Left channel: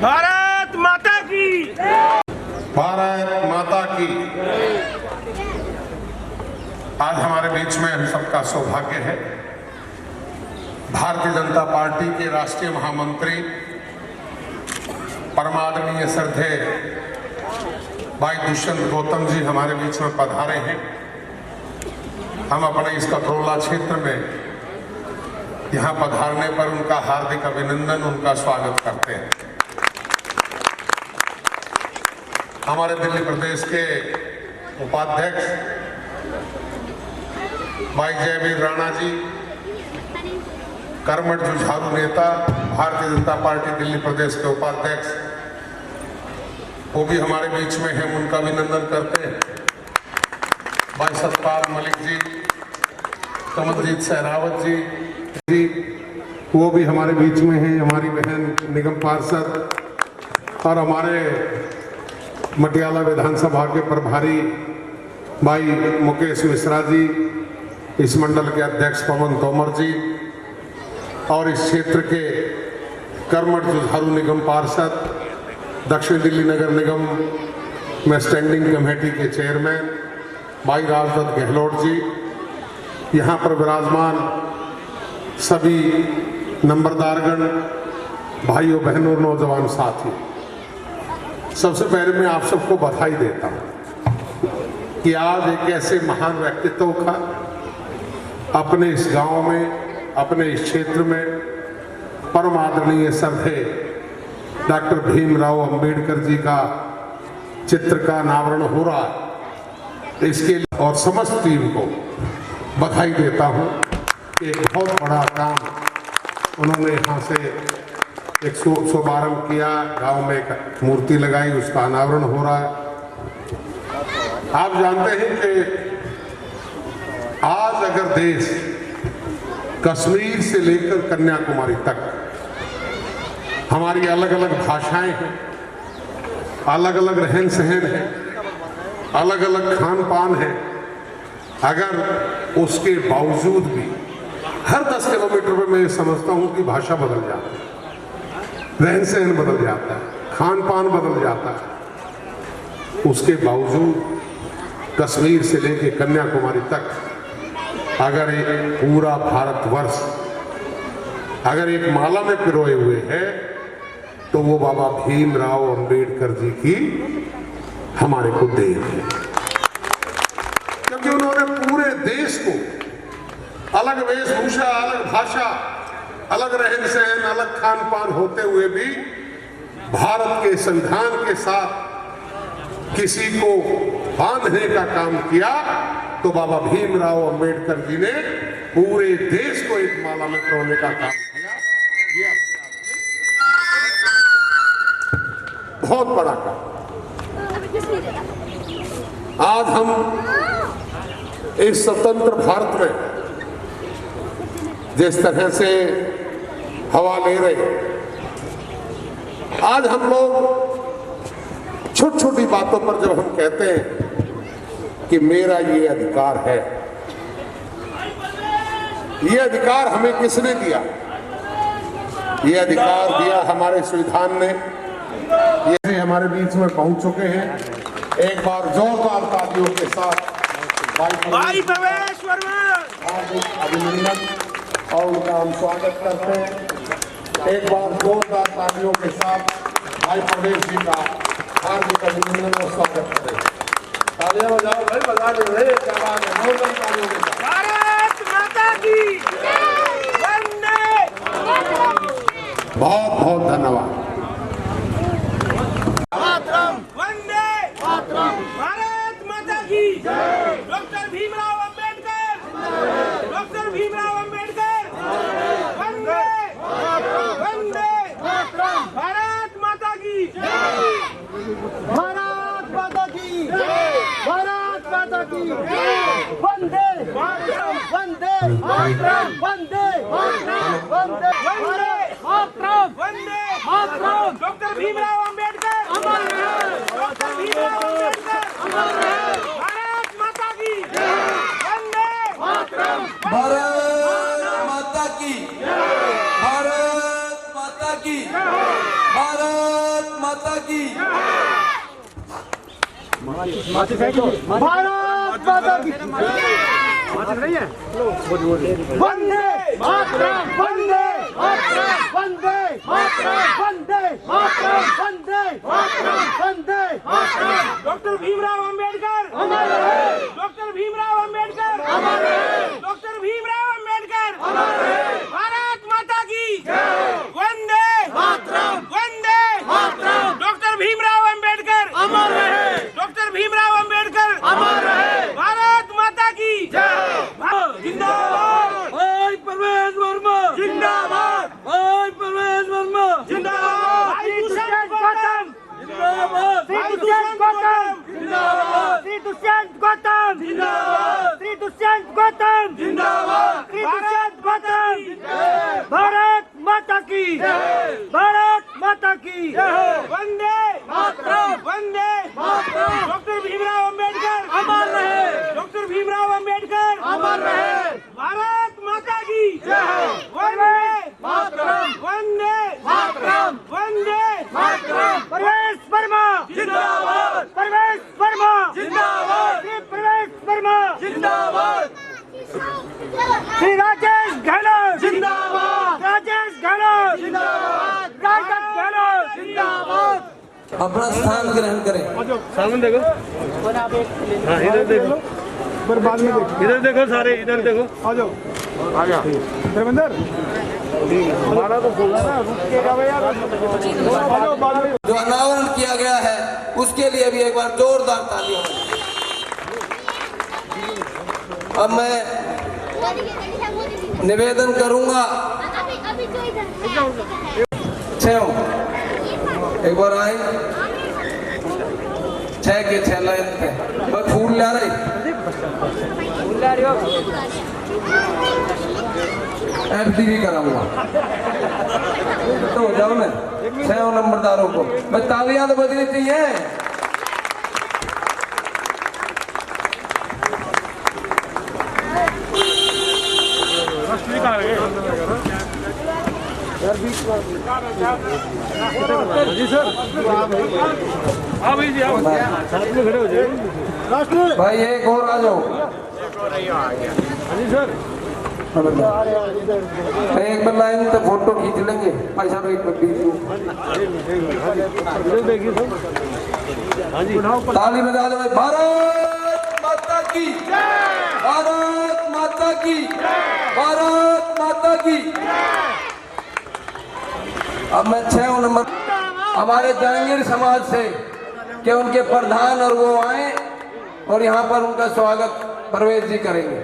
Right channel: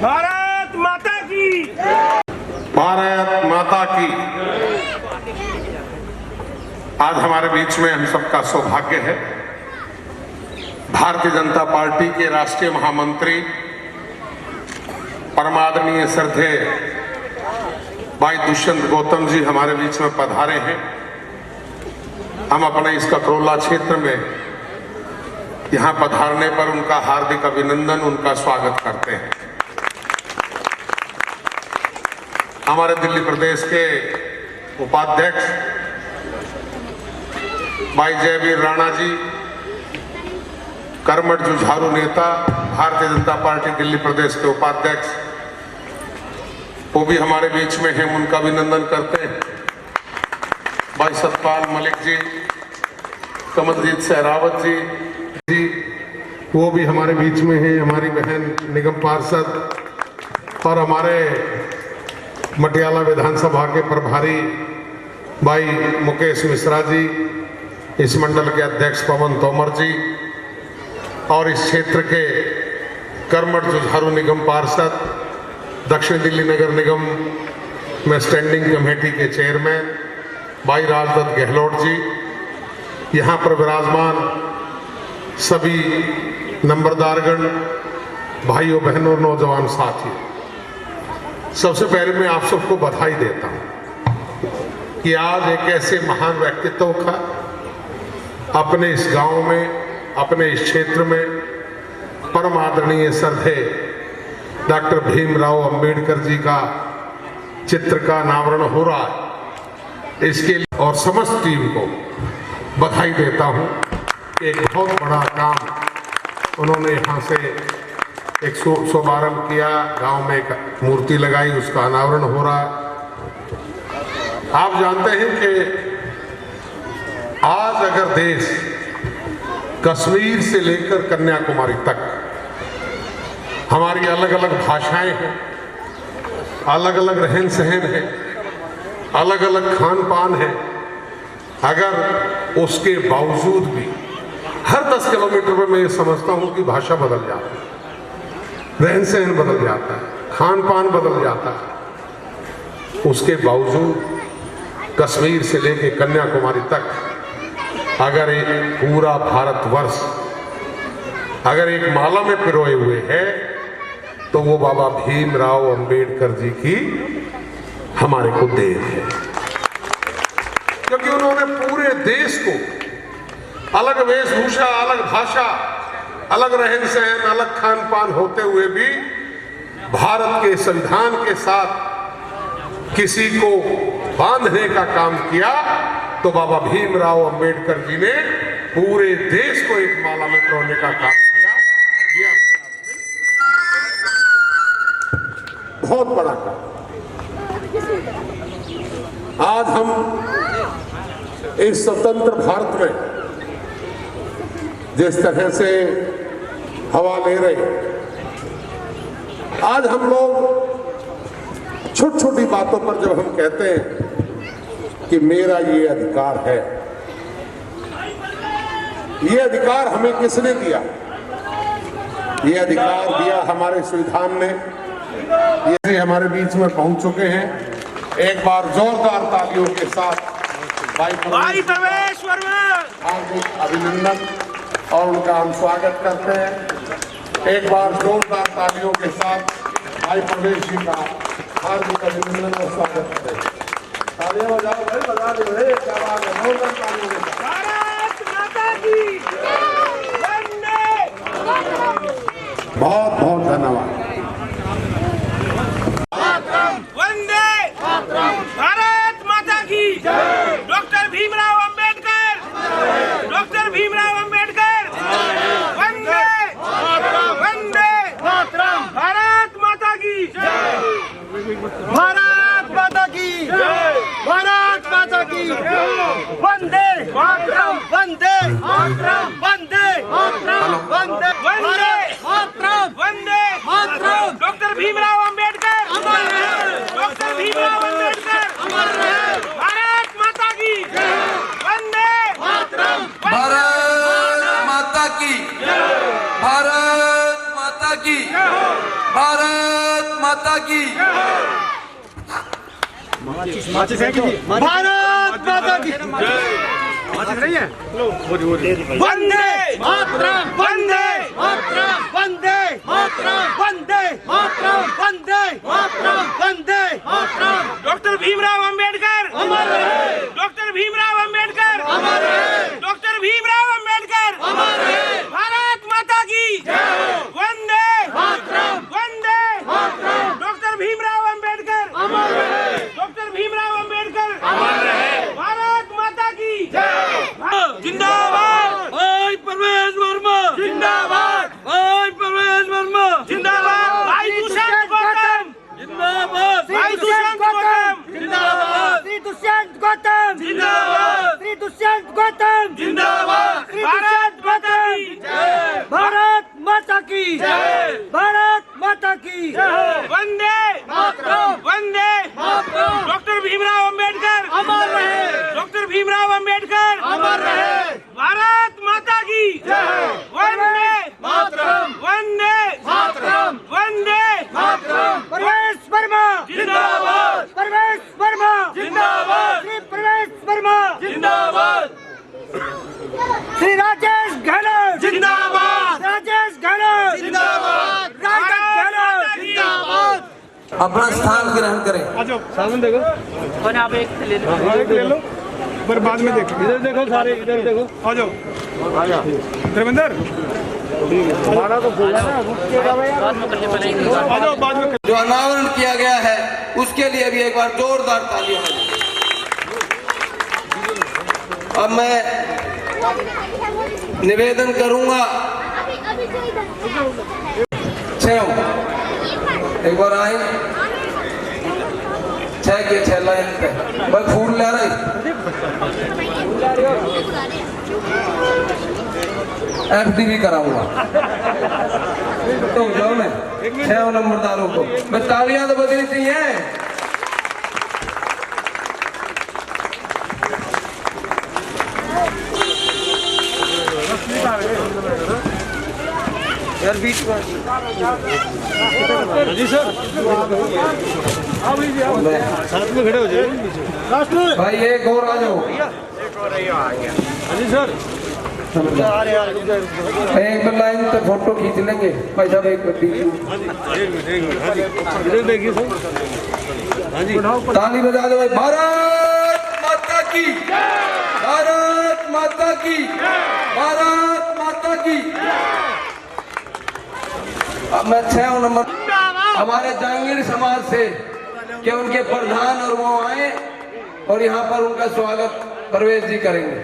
भारत माता की, भारत माता की। आज हमारे बीच में हम सबका सौभाग्य है, भारतीय जनता पार्टी के राष्ट्रीय महामंत्री परमादरणीय श्रद्धेय भाई दुष्यंत गौतम जी हमारे बीच में पधारे हैं। हम अपने इस कटरोला क्षेत्र में यहाँ पधारने पर उनका हार्दिक अभिनंदन, उनका स्वागत करते हैं। हमारे दिल्ली प्रदेश के उपाध्यक्ष भाई जयवीर राणा जी, कर्मठ जुझारू नेता, भारतीय जनता पार्टी दिल्ली प्रदेश के उपाध्यक्ष, वो भी हमारे बीच में हैं, उनका अभिनंदन करते हैं। भाई सतपाल मलिक जी, कमलजीत सहरावत जी, वो भी हमारे बीच में हैं, हमारी बहन निगम पार्षद, और हमारे मटियाला विधानसभा के प्रभारी भाई मुकेश मिश्रा जी, इस मंडल के अध्यक्ष पवन तोमर जी, और इस क्षेत्र के कर्मठ जुझारू निगम पार्षद, दक्षिण दिल्ली नगर निगम में स्टैंडिंग कमेटी के चेयरमैन भाई राजदत्त गहलोत जी, यहाँ पर विराजमान सभी नंबरदारगण, भाइयों बहनों, नौजवान साथी, सबसे पहले मैं आप सबको बधाई देता हूँ कि आज एक ऐसे महान व्यक्तित्व का अपने इस गांव में, अपने इस क्षेत्र में परम आदरणीय श्रद्धेय डॉक्टर भीमराव अंबेडकर जी का चित्र का अनावरण हो रहा है। इसके लिए और समस्त टीम को बधाई देता हूँ। एक बहुत बड़ा काम उन्होंने यहाँ से एक शुभारंभ किया, गांव में एक मूर्ति लगाई, उसका अनावरण हो रहा है। आप जानते हैं कि आज अगर देश कश्मीर से लेकर कन्याकुमारी तक हमारी अलग अलग भाषाएं हैं, अलग अलग रहन सहन है, अलग अलग खान पान है, अगर उसके बावजूद भी हर 10 किलोमीटर पर मैं ये समझता हूं कि भाषा बदल जाती है, रहन सहन बदल जाता है, खान पान बदल जाता है, उसके बावजूद कश्मीर से लेकर कन्याकुमारी तक अगर एक पूरा भारतवर्ष अगर एक माला में पिरोए हुए है तो वो बाबा भीमराव अंबेडकर जी की हमारे को देन है, क्योंकि उन्होंने पूरे देश को अलग वेशभूषा, अलग भाषा, अलग रहन सहन, अलग खान पान होते हुए भी भारत के संविधान के साथ किसी को बांधने का काम किया, तो बाबा भीमराव अंबेडकर जी ने पूरे देश को एक माला में पिरोने का काम किया। ये अपने आप में बहुत बड़ा काम। आज हम इस स्वतंत्र भारत में जिस तरह से हवा ले रहे हैं, आज हम लोग छोटी छोटी बातों पर जब हम कहते हैं कि मेरा ये अधिकार है, ये अधिकार हमें किसने दिया? ये अधिकार दिया हमारे संविधान ने। ये हमारे बीच में पहुंच चुके हैं। एक बार जोरदार तालियों के साथ भाई प्रवेश वर्मा हार्दिक अभिनंदन और उनका हम स्वागत करते हैं। एक बार जोरदार तालियों के साथ भाई प्रवेश जी का हार्दिक अभिनंदन और स्वागत करते हैं। तालियां बजाओ भाई, बजा दे रहे, क्या बात है, जोरदार तालियों के साथ। भारत माता की बहुत बहुत धन्यवाद। भारत माता की, डॉक्टर भीमराव अंबेडकर, डॉक्टर भीमराव अंबेडकर, वंदे वंदे भारत माता की, भारत माता की, भारत माता की, वंदे वंदे वंदे वंदे वंदे डॉक्टर भीमराव अंबेडकर, डॉक्टर भीमराव अंबेडकर, भारत माता की, वंदे भारत माता की, भारत माता की, भारत माता की भारत माता की वंदे मातरम वंदे मातरम वंदे मातरम वंदे मातरम वंदे मातरम वंदे मातरम डॉक्टर भीमराव अंबेडकर अमर रहे डॉक्टर भीमराव अंबेडकर अमर रहे डॉक्टर भीमराव अंबेडकर अमर रहे भारत माता की वंदे मातरम वंदे मातरम डॉक्टर भीमराव अंबेडकर अमर रहे डॉक्टर भीमराव अंबेडकर अमर रहे भारत माता की जिंदाबाद भाई परवेज वर्मा जिंदाबाद भाई परवेज वर्मा जिंदाबाद भाई दुष्यंत गौतम जिंदाबाद भाई दुष्यंत गौतम जिंदाबाद श्री दुष्यंत गौतम जिंदाबाद श्री दुष्यंत गौतम जिंदाबाद भारत माता की भारत माता की भारत माता की वंदे मातरम वंदे मातरम डॉक्टर भीमराव अंबेडकर अमर रहे डॉक्टर भीमराव अंबेडकर अमर रहे भारत माता की वंदे मातरम वंदे मातरम वंदे मातरम परवेश वर्मा जिंदाबाद परवेश वर्मा जिंदाबाद श्री परवेश वर्मा जिंदाबाद श्री राजेश गहलोत जिंदाबाद राजेश गहलोत जिंदाबाद राजेश गहलोत जिंदाबाद अपना स्थान ग्रहण करें। सामने देखो इधर देख लो पर बाद में देखो इधर देखो सारे इधर देखो आ जाओ धर्मेंद्र हमारा तो बोल रहा है ना रुकेगा यार बाद में जो अनावरण किया गया है उसके लिए भी एक बार जोरदार तालियां। अब मैं निवेदन करूंगा एक बार आए 6 के 6 लाइन पे भाई फूल ला रही FD भी कराऊंगा तो जाओ ना 6 नंबरदारों को मैं तालियां तो बजनी चाहिए। यार बीच में जी सर आओ जी आओ साथ में खड़े हो जाओ राष्ट्र भाई एक और आ जाओ जी सर एक लाइन तो फोटो खींच लेंगे भाई साहब एक इधर देखिए सर हाँ जी ताली बजा दो। भारत माता की भारत माता की भारत माता की। अब मैं 6 नंबर हमारे जहांगीर समाज से कि उनके प्रधान और वो आए और यहाँ पर उनका स्वागत परवेज जी करेंगे।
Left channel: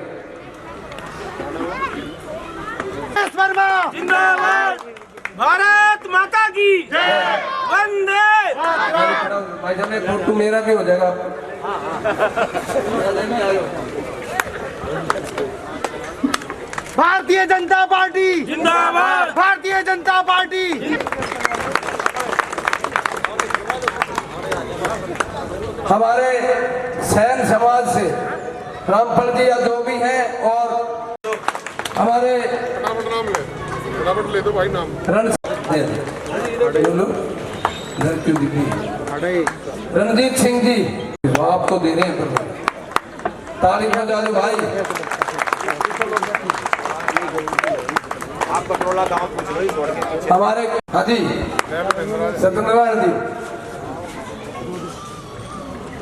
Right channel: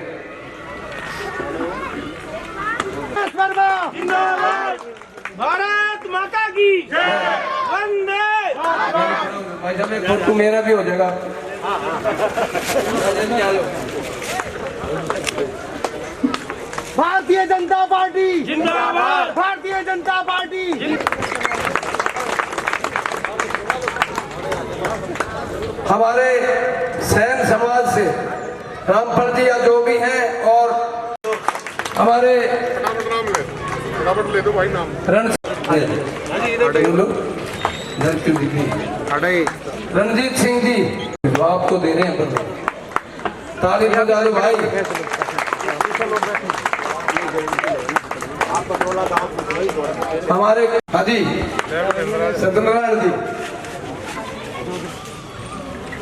जिंदाबाद भारत माता की वंदे भाई साहब एक फोटो मेरा भी हो जाएगा। भारतीय जनता पार्टी जिंदाबाद भारतीय जनता पार्टी हमारे सैन समाज से रामफल जी या जो भी हैं और हमारे फटाफट ले दो भाई नाम रणजीत सिंह जी आपको दे रहे हैं ताली बजा दो भाई। हमारे हाजी सत्यनारायण जी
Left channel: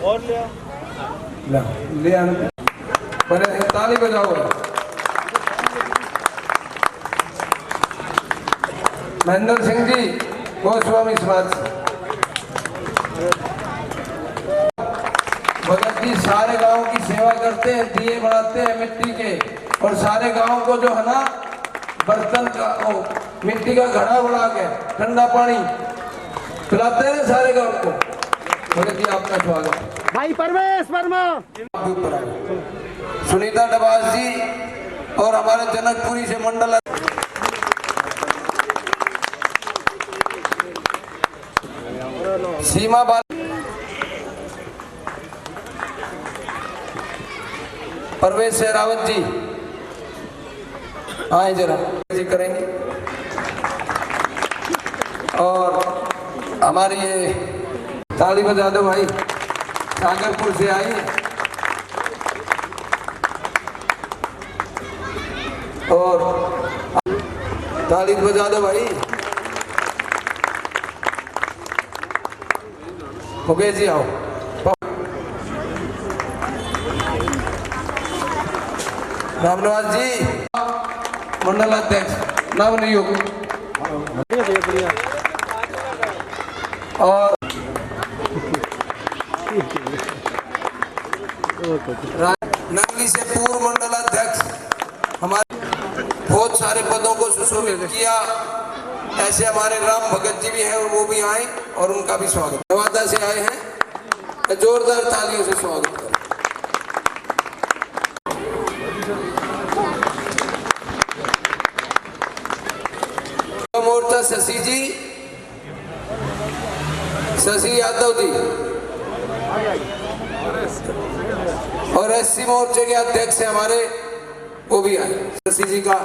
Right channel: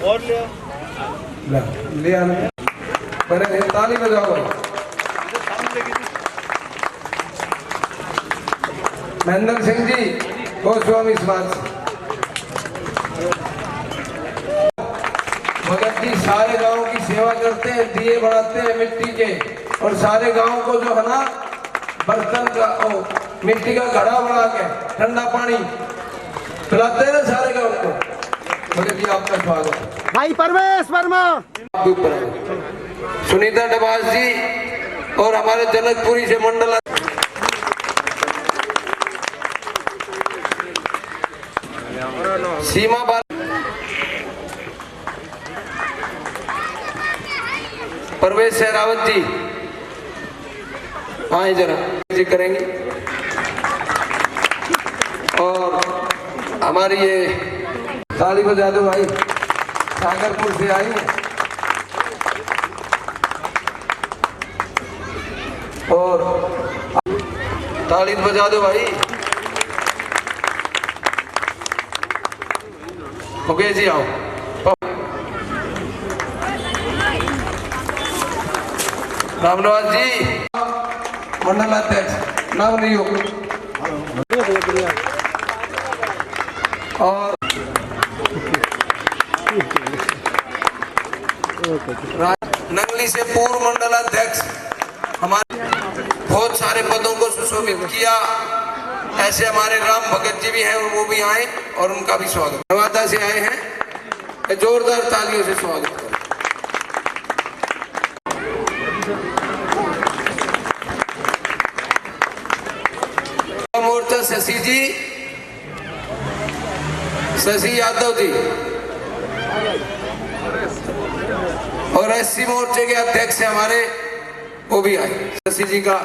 और ले आने ताली बजाओ। महेंद्र सिंह जी गोस्वामी समाज भगत जी सारे गांव की सेवा करते हैं, दिए बढ़ाते हैं मिट्टी के और सारे गांव को जो है ना बर्तन का मिट्टी का घड़ा बना के ठंडा पानी पिलाते हैं ना सारे गांव को। भगत जी आपका स्वागत। भाई परवेश वर्मा सुनीता डबास जी और हमारे जनकपुरी से मंडल सीमा बाल परवेश शेरावत जी हाँ जरा जी करेंगे और हमारी ये ताली बजा दो भाई, सागरपुर से आई और ताली बजा दो भाई। मुकेश जी आओ। रामनवास जी मंडलाध्यक्ष नवनियुक्त और नंगली से पूर्व मंडलाध्यक्ष, हमारे बहुत सारे पदों को सुशोभित किया। ऐसे हमारे राम भगत जी भी हैं और वो भी आए और उनका भी स्वागत। नवादा से आए हैं, जोरदार तालियों से स्वागत करें। मोर्चा शशि यादव जी और एससी मोर्चे के अध्यक्ष हमारे वो भी आए। शशि जी का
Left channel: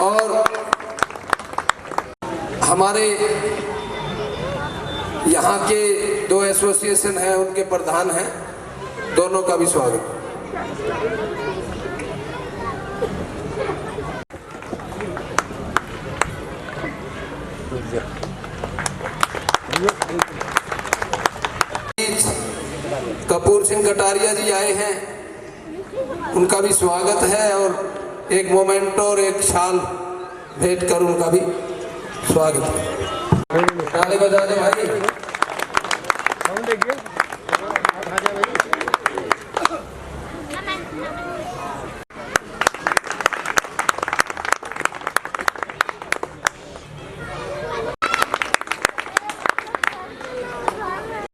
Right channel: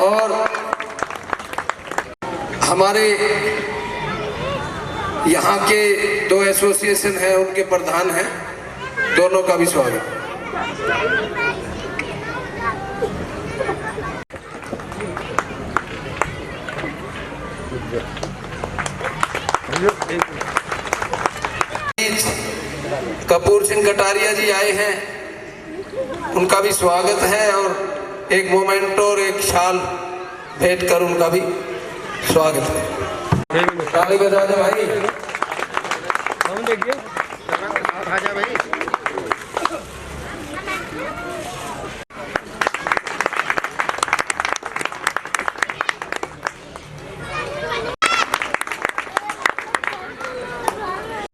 और हमारे यहाँ के दो एसोसिएशन हैं, उनके प्रधान हैं, दोनों का भी स्वागत। कपूर सिंह कटारिया जी आए हैं, उनका भी स्वागत है और एक मोमेंटो और एक शाल भेंट कर उनका भी स्वागत है। ताली बजा दो भाई। देखिए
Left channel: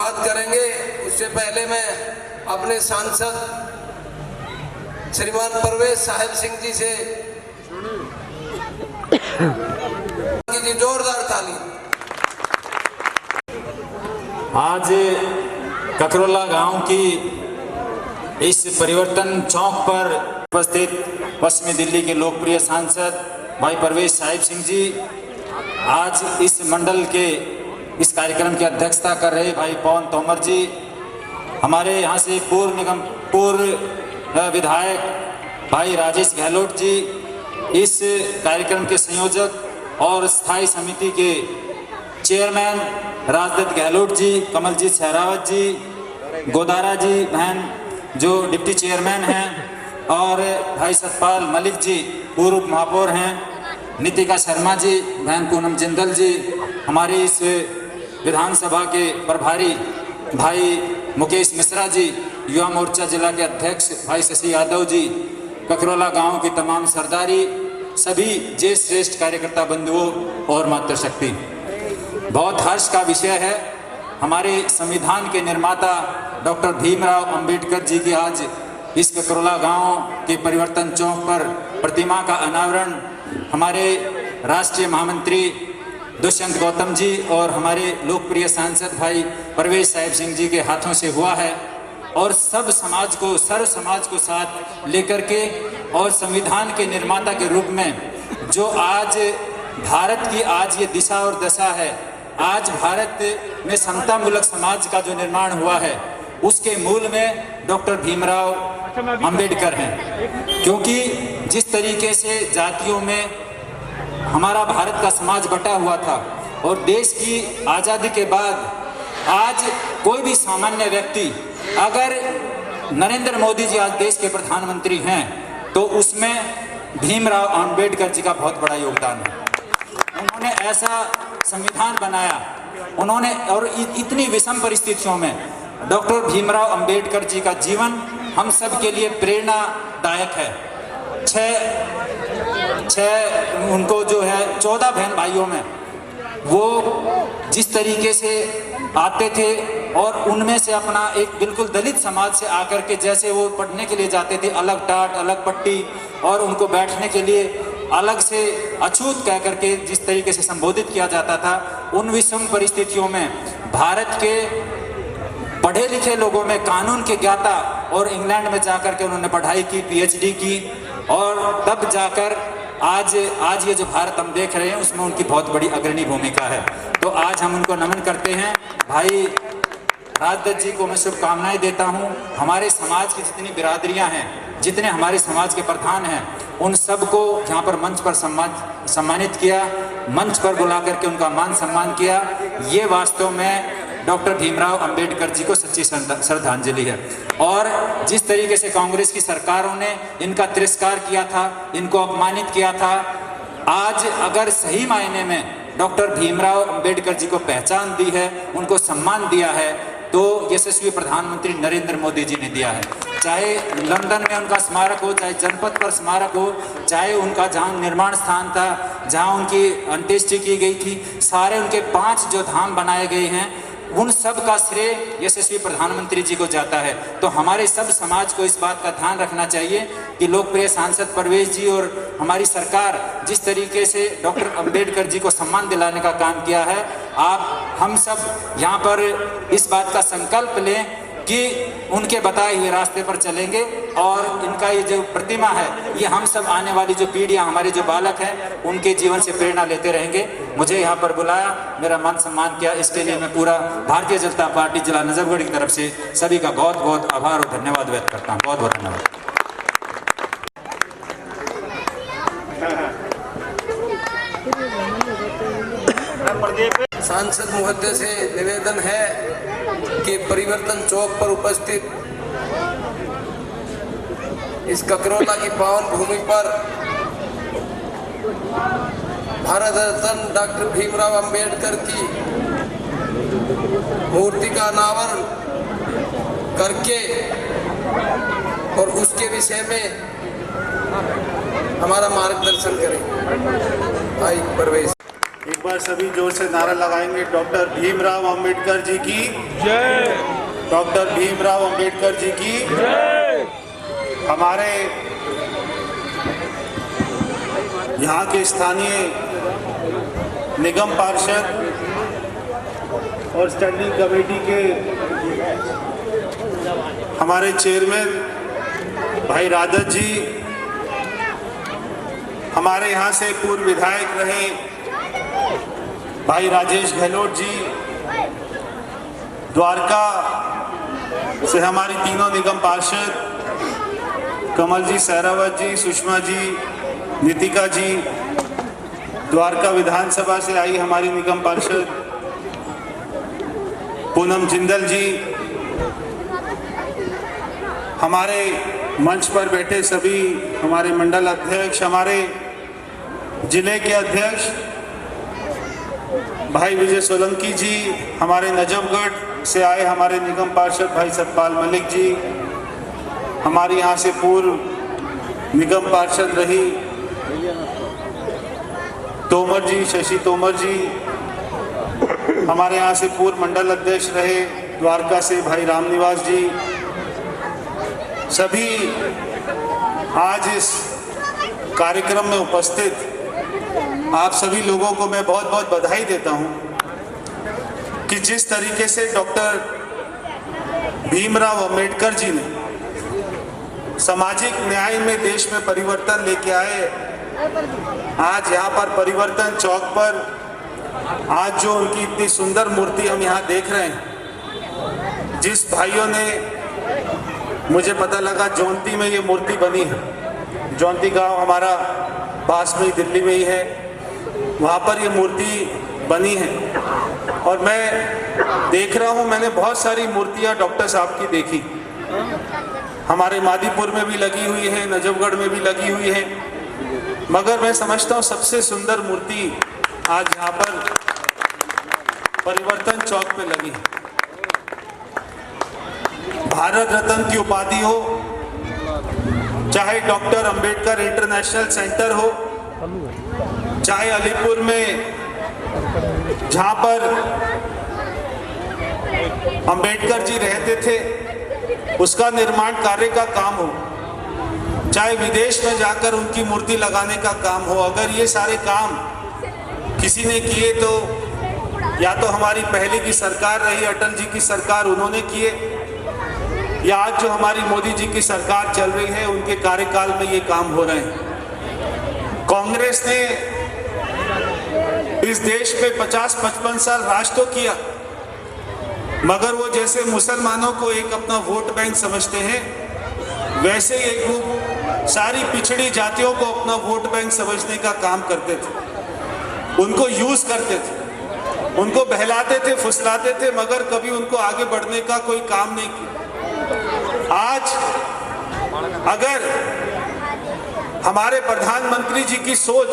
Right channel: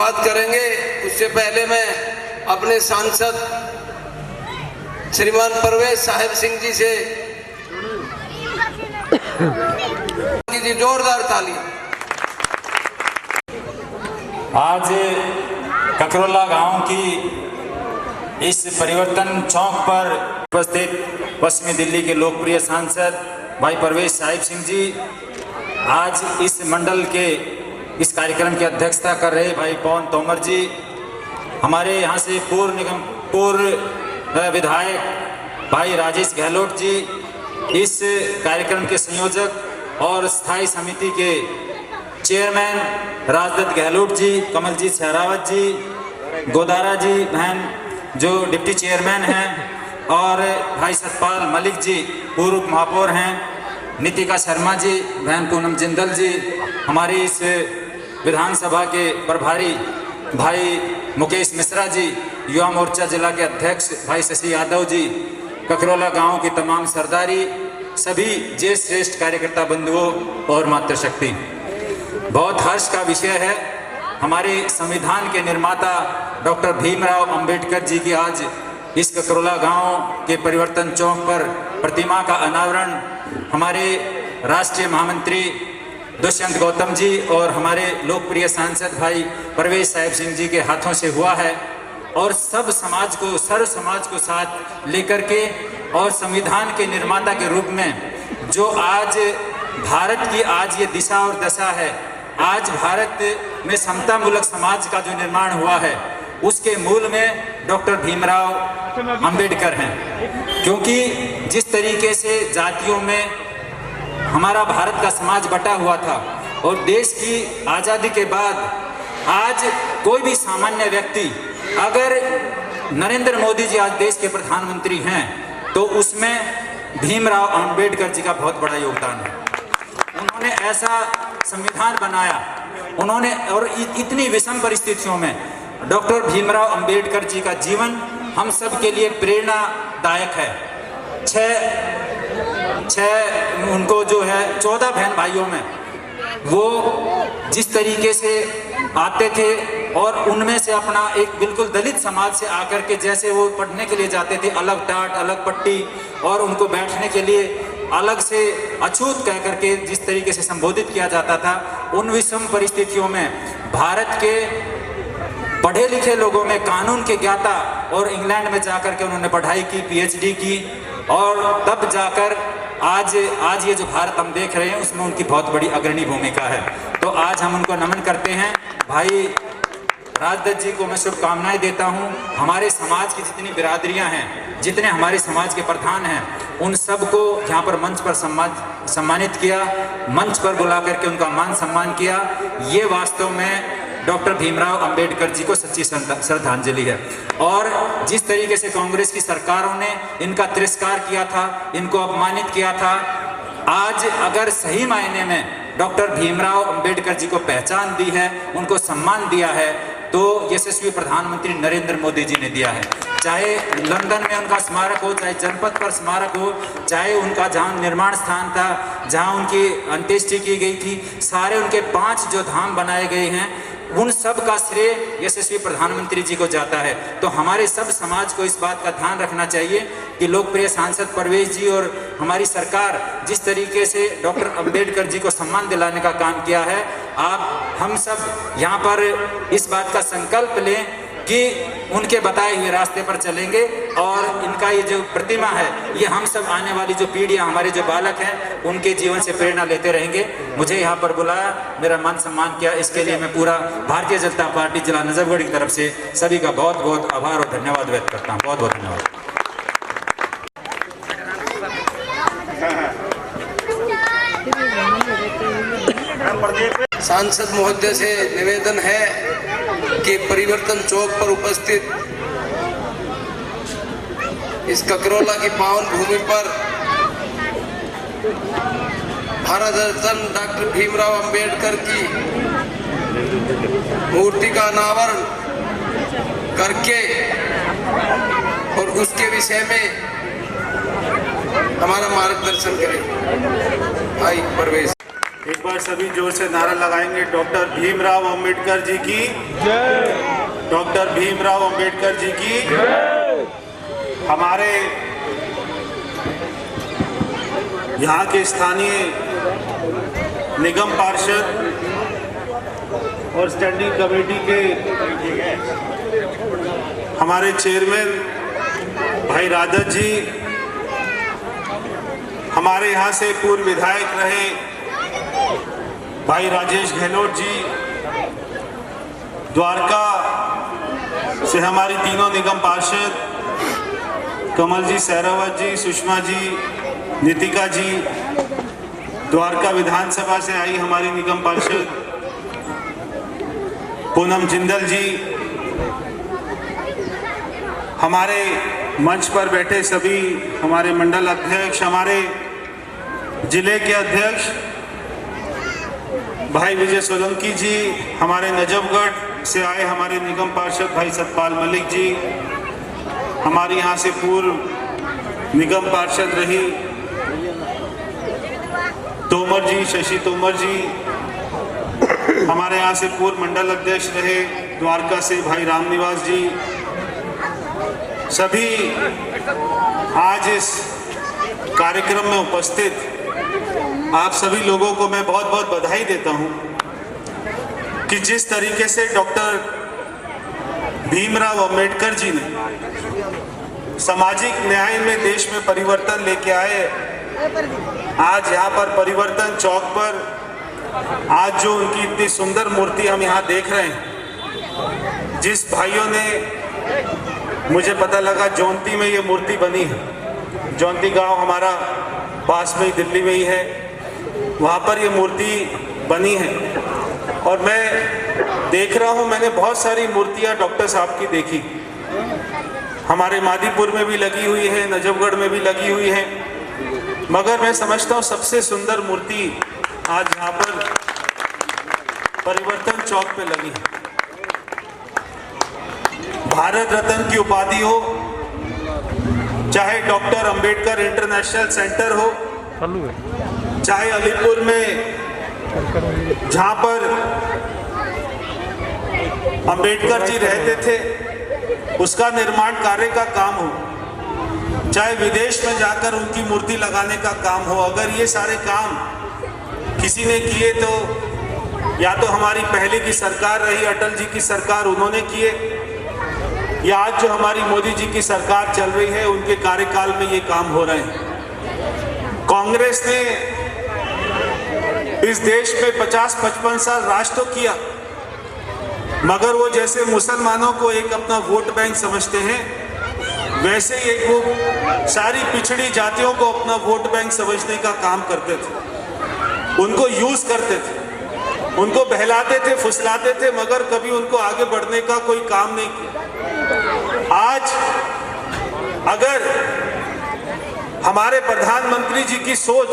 बात करेंगे, उससे पहले मैं अपने सांसद श्रीमान परवेश साहिब सिंह जी से जोरदार ताली। आज ककरोला गांव की इस परिवर्तन चौक पर उपस्थित पश्चिमी दिल्ली के लोकप्रिय सांसद भाई परवेश साहिब सिंह जी आज इस मंडल के इस कार्यक्रम की अध्यक्षता कर रहे भाई पवन तोमर जी, हमारे यहाँ से पूर्व विधायक भाई राजेश गहलोत जी, इस कार्यक्रम के संयोजक और स्थायी समिति के चेयरमैन राजदत्त गहलोत जी, कमलजीत सहरावत जी, गोदारा जी बहन जो डिप्टी चेयरमैन हैं, और भाई सतपाल मलिक जी पूर्व महापौर हैं, नीतिका शर्मा जी बहन पूनम जिंदल जी, हमारी इस विधानसभा के प्रभारी भाई मुकेश मिश्रा जी, युवा मोर्चा जिला के अध्यक्ष भाई शशि यादव जी, ककरोला गांव की तमाम सरदारी, सभी ज्येष्ठ श्रेष्ठ कार्यकर्ता बंधुओं और मातृशक्ति, बहुत हर्ष का विषय है। हमारे संविधान के निर्माता डॉक्टर भीमराव अंबेडकर जी की आज इस ककरोला गांव के परिवर्तन चौक पर प्रतिमा का अनावरण हमारे राष्ट्रीय महामंत्री दुष्यंत गौतम जी और हमारे लोकप्रिय सांसद भाई परवेश साहिब सिंह जी के हाथों से हुआ है, और सब समाज को, सर्व समाज को साथ लेकर के और संविधान के निर्माता के रूप में जो आज भारत की आज ये दिशा और दशा है, आज भारत में समता मूलक समाज का जो निर्माण हुआ है, उसके मूल में डॉक्टर भीमराव अंबेडकर हैं। क्योंकि जिस तरीके से जातियों में हमारा भारत का समाज बटा हुआ था और देश की आज़ादी के बाद आज कोई भी सामान्य व्यक्ति, अगर नरेंद्र मोदी जी आज देश के प्रधानमंत्री हैं तो उसमें भीमराव अंबेडकर जी का बहुत बड़ा योगदान है। उन्होंने ऐसा संविधान बनाया, उन्होंने, और इतनी विषम परिस्थितियों में डॉक्टर भीमराव अंबेडकर जी का जीवन हम सब के लिए प्रेरणादायक है। छह उनको जो है 14 बहन भाइयों में वो जिस तरीके से आते थे और उनमें से अपना एक बिल्कुल दलित समाज से आकर के जैसे वो पढ़ने के लिए जाते थे, अलग टाट अलग पट्टी, और उनको बैठने के लिए अलग से अछूत कह करके जिस तरीके से संबोधित किया जाता था, उन विषम परिस्थितियों में भारत के पढ़े लिखे लोगों में, कानून के ज्ञाता और इंग्लैंड में जाकर के उन्होंने पढ़ाई की, PhD की, और तब जाकर आज ये जो भारत हम देख रहे हैं उसमें उनकी बहुत बड़ी अग्रणी भूमिका है। तो आज हम उनको नमन करते हैं। भाई राजदत्त जी को मैं शुभकामनाएं देता हूं। हमारे समाज की जितनी बिरादरियां हैं, जितने हमारे समाज के प्रधान हैं, उन सबको यहाँ पर मंच पर सम्मानित किया, मंच पर बुला करके उनका मान सम्मान किया। ये वास्तव में डॉक्टर भीमराव अंबेडकर जी को सच्ची श्रद्धांजलि है। और जिस तरीके से कांग्रेस की सरकारों ने इनका तिरस्कार किया था, इनको अपमानित किया था, आज अगर सही मायने में डॉक्टर भीमराव अंबेडकर जी को पहचान दी है, उनको सम्मान दिया है, तो यशस्वी प्रधानमंत्री नरेंद्र मोदी जी ने दिया है। चाहे लंदन में उनका स्मारक हो, चाहे जनपद पर स्मारक हो, चाहे उनका जहां निर्माण स्थान था, जहां उनकी अंत्येष्टि की गई थी, सारे उनके 5 जो धाम बनाए गए हैं, उन सब का श्रेय यशस्वी प्रधानमंत्री जी को जाता है। तो हमारे सब समाज को इस बात का ध्यान रखना चाहिए कि लोकप्रिय सांसद परवेश जी और हमारी सरकार जिस तरीके से डॉक्टर अंबेडकर जी को सम्मान दिलाने का काम किया है, हम सब यहाँ पर इस बात का संकल्प लें कि उनके बताए हुए रास्ते पर चलेंगे और इनका ये जो प्रतिमा है, ये हम सब आने वाली जो पीढ़ियां, हमारे जो बालक हैं, उनके जीवन से प्रेरणा लेते रहेंगे। मुझे यहाँ पर बुलाया, मेरा मान सम्मान किया, इसके लिए मैं पूरा भारतीय जनता पार्टी जिला नजफगढ़ की तरफ से सभी का बहुत बहुत आभार और धन्यवाद व्यक्त करता हूँ। बहुत बहुत धन्यवाद। सांसद महोदय से निवेदन है कि परिवर्तन चौक पर उपस्थित इस ककरोला की पावन भूमि पर भारत रत्न डॉक्टर भीमराव अंबेडकर की मूर्ति का अनावरण करके और उसके विषय में हमारा मार्गदर्शन करें। भाई परवेश, एक बार सभी जोर से नारा लगाएंगे, डॉक्टर भीमराव अंबेडकर जी की जय। डॉक्टर भीमराव अंबेडकर जी की जय। हमारे यहाँ के स्थानीय निगम पार्षद और स्टैंडिंग कमेटी के हमारे चेयरमैन भाई राजदत्त जी, हमारे यहाँ से पूर्व विधायक रहे भाई राजेश गहलोत जी, द्वारका से हमारी तीनों निगम पार्षद कमल जी, सहरावत जी, सुषमा जी, नीतिका जी, द्वारका विधानसभा से आई हमारी निगम पार्षद पूनम जिंदल जी, हमारे मंच पर बैठे सभी हमारे मंडल अध्यक्ष, हमारे जिले के अध्यक्ष भाई विजय सोलंकी जी, हमारे नजफगढ़ से आए हमारे निगम पार्षद भाई सतपाल मलिक जी, हमारे यहाँ से पूर्व निगम पार्षद रही तोमर जी, शशि तोमर जी, हमारे यहाँ से पूर्व मंडल अध्यक्ष रहे द्वारका से भाई रामनिवास जी, सभी आज इस कार्यक्रम में उपस्थित आप सभी लोगों को मैं बहुत बहुत बधाई देता हूं कि जिस तरीके से डॉक्टर भीमराव अंबेडकर जी ने सामाजिक न्याय में देश में परिवर्तन लेके आए। आज यहाँ पर परिवर्तन चौक पर आज जो उनकी इतनी सुंदर मूर्ति हम यहाँ देख रहे हैं, जिस भाइयों ने, मुझे पता लगा जौनती में ये मूर्ति बनी है, जौनती गांव हमारा पास में ही दिल्ली में ही है, वहाँ पर ये मूर्ति बनी है। और मैं देख रहा हूँ, मैंने बहुत सारी मूर्तियाँ डॉक्टर साहब की देखी, हमारे मादीपुर में भी लगी हुई है, नजफगढ़ में भी लगी हुई है, मगर मैं समझता हूँ सबसे सुंदर मूर्ति आज यहाँ पर परिवर्तन चौक पे लगी है। भारत रत्न की उपाधि हो, चाहे डॉक्टर अंबेडकर इंटरनेशनल सेंटर हो, चाहे अलीपुर में जहां पर अंबेडकर जी रहते थे उसका निर्माण कार्य का काम हो, चाहे विदेश में जाकर उनकी मूर्ति लगाने का काम हो, अगर ये सारे काम किसी ने किए तो या तो हमारी पहले की सरकार रही, अटल जी की सरकार, उन्होंने किए, या आज जो हमारी मोदी जी की सरकार चल रही है उनके कार्यकाल में ये काम हो रहे हैं। कांग्रेस ने इस देश में 50-55 साल राज तो किया, मगर वो जैसे मुसलमानों को एक अपना वोट बैंक समझते हैं, वैसे ही एक ग्रुप सारी पिछड़ी जातियों को अपना वोट बैंक समझने का काम करते थे। उनको यूज करते थे, उनको बहलाते थे, फुसलाते थे, मगर कभी उनको आगे बढ़ने का कोई काम नहीं किया। आज अगर हमारे प्रधानमंत्री जी की सोच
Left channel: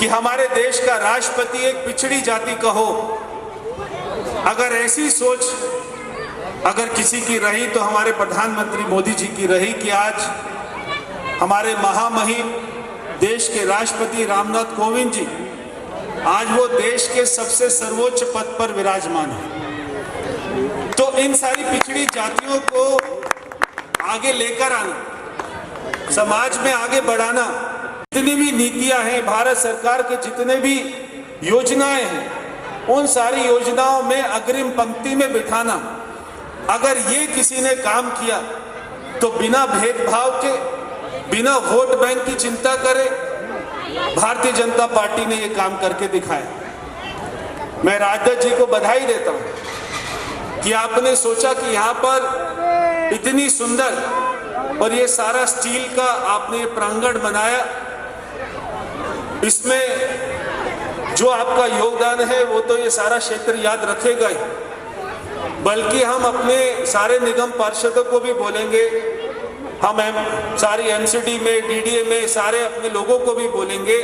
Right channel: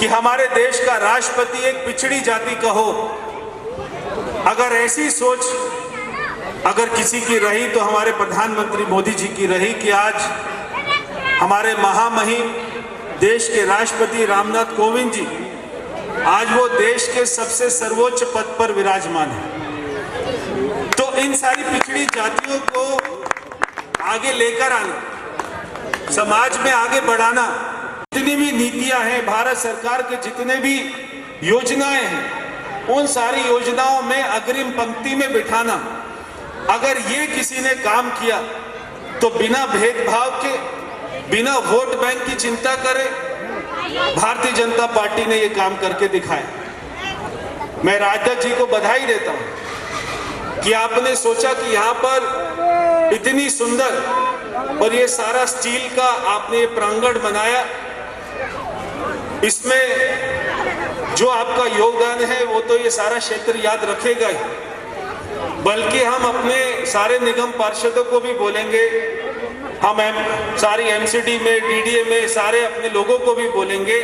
कि हमारे देश का राष्ट्रपति एक पिछड़ी जाति का हो, अगर ऐसी सोच अगर किसी की रही तो हमारे प्रधानमंत्री मोदी जी की रही कि आज हमारे महामहिम देश के राष्ट्रपति रामनाथ कोविंद जी आज वो देश के सबसे सर्वोच्च पद पर विराजमान है। तो इन सारी पिछड़ी जातियों को आगे लेकर आना, समाज में आगे बढ़ाना, जितनी भी नीतियां हैं, भारत सरकार के जितने भी योजनाएं हैं, उन सारी योजनाओं में अग्रिम पंक्ति में बिठाना, अगर ये किसी ने काम किया तो बिना भेदभाव के, बिना वोट बैंक की चिंता करे, भारतीय जनता पार्टी ने ये काम करके दिखाया। मैं राजदत्त जी को बधाई देता हूं कि आपने सोचा कि यहाँ पर इतनी सुंदर और ये सारा स्टील का आपने ये प्रांगण बनाया, इसमें जो आपका योगदान है वो तो ये सारा क्षेत्र याद रखेगा ही, बल्कि हम अपने सारे निगम पार्षदों को भी बोलेंगे, हम सारी एमसीडी में, डीडीए में सारे अपने लोगों को भी बोलेंगे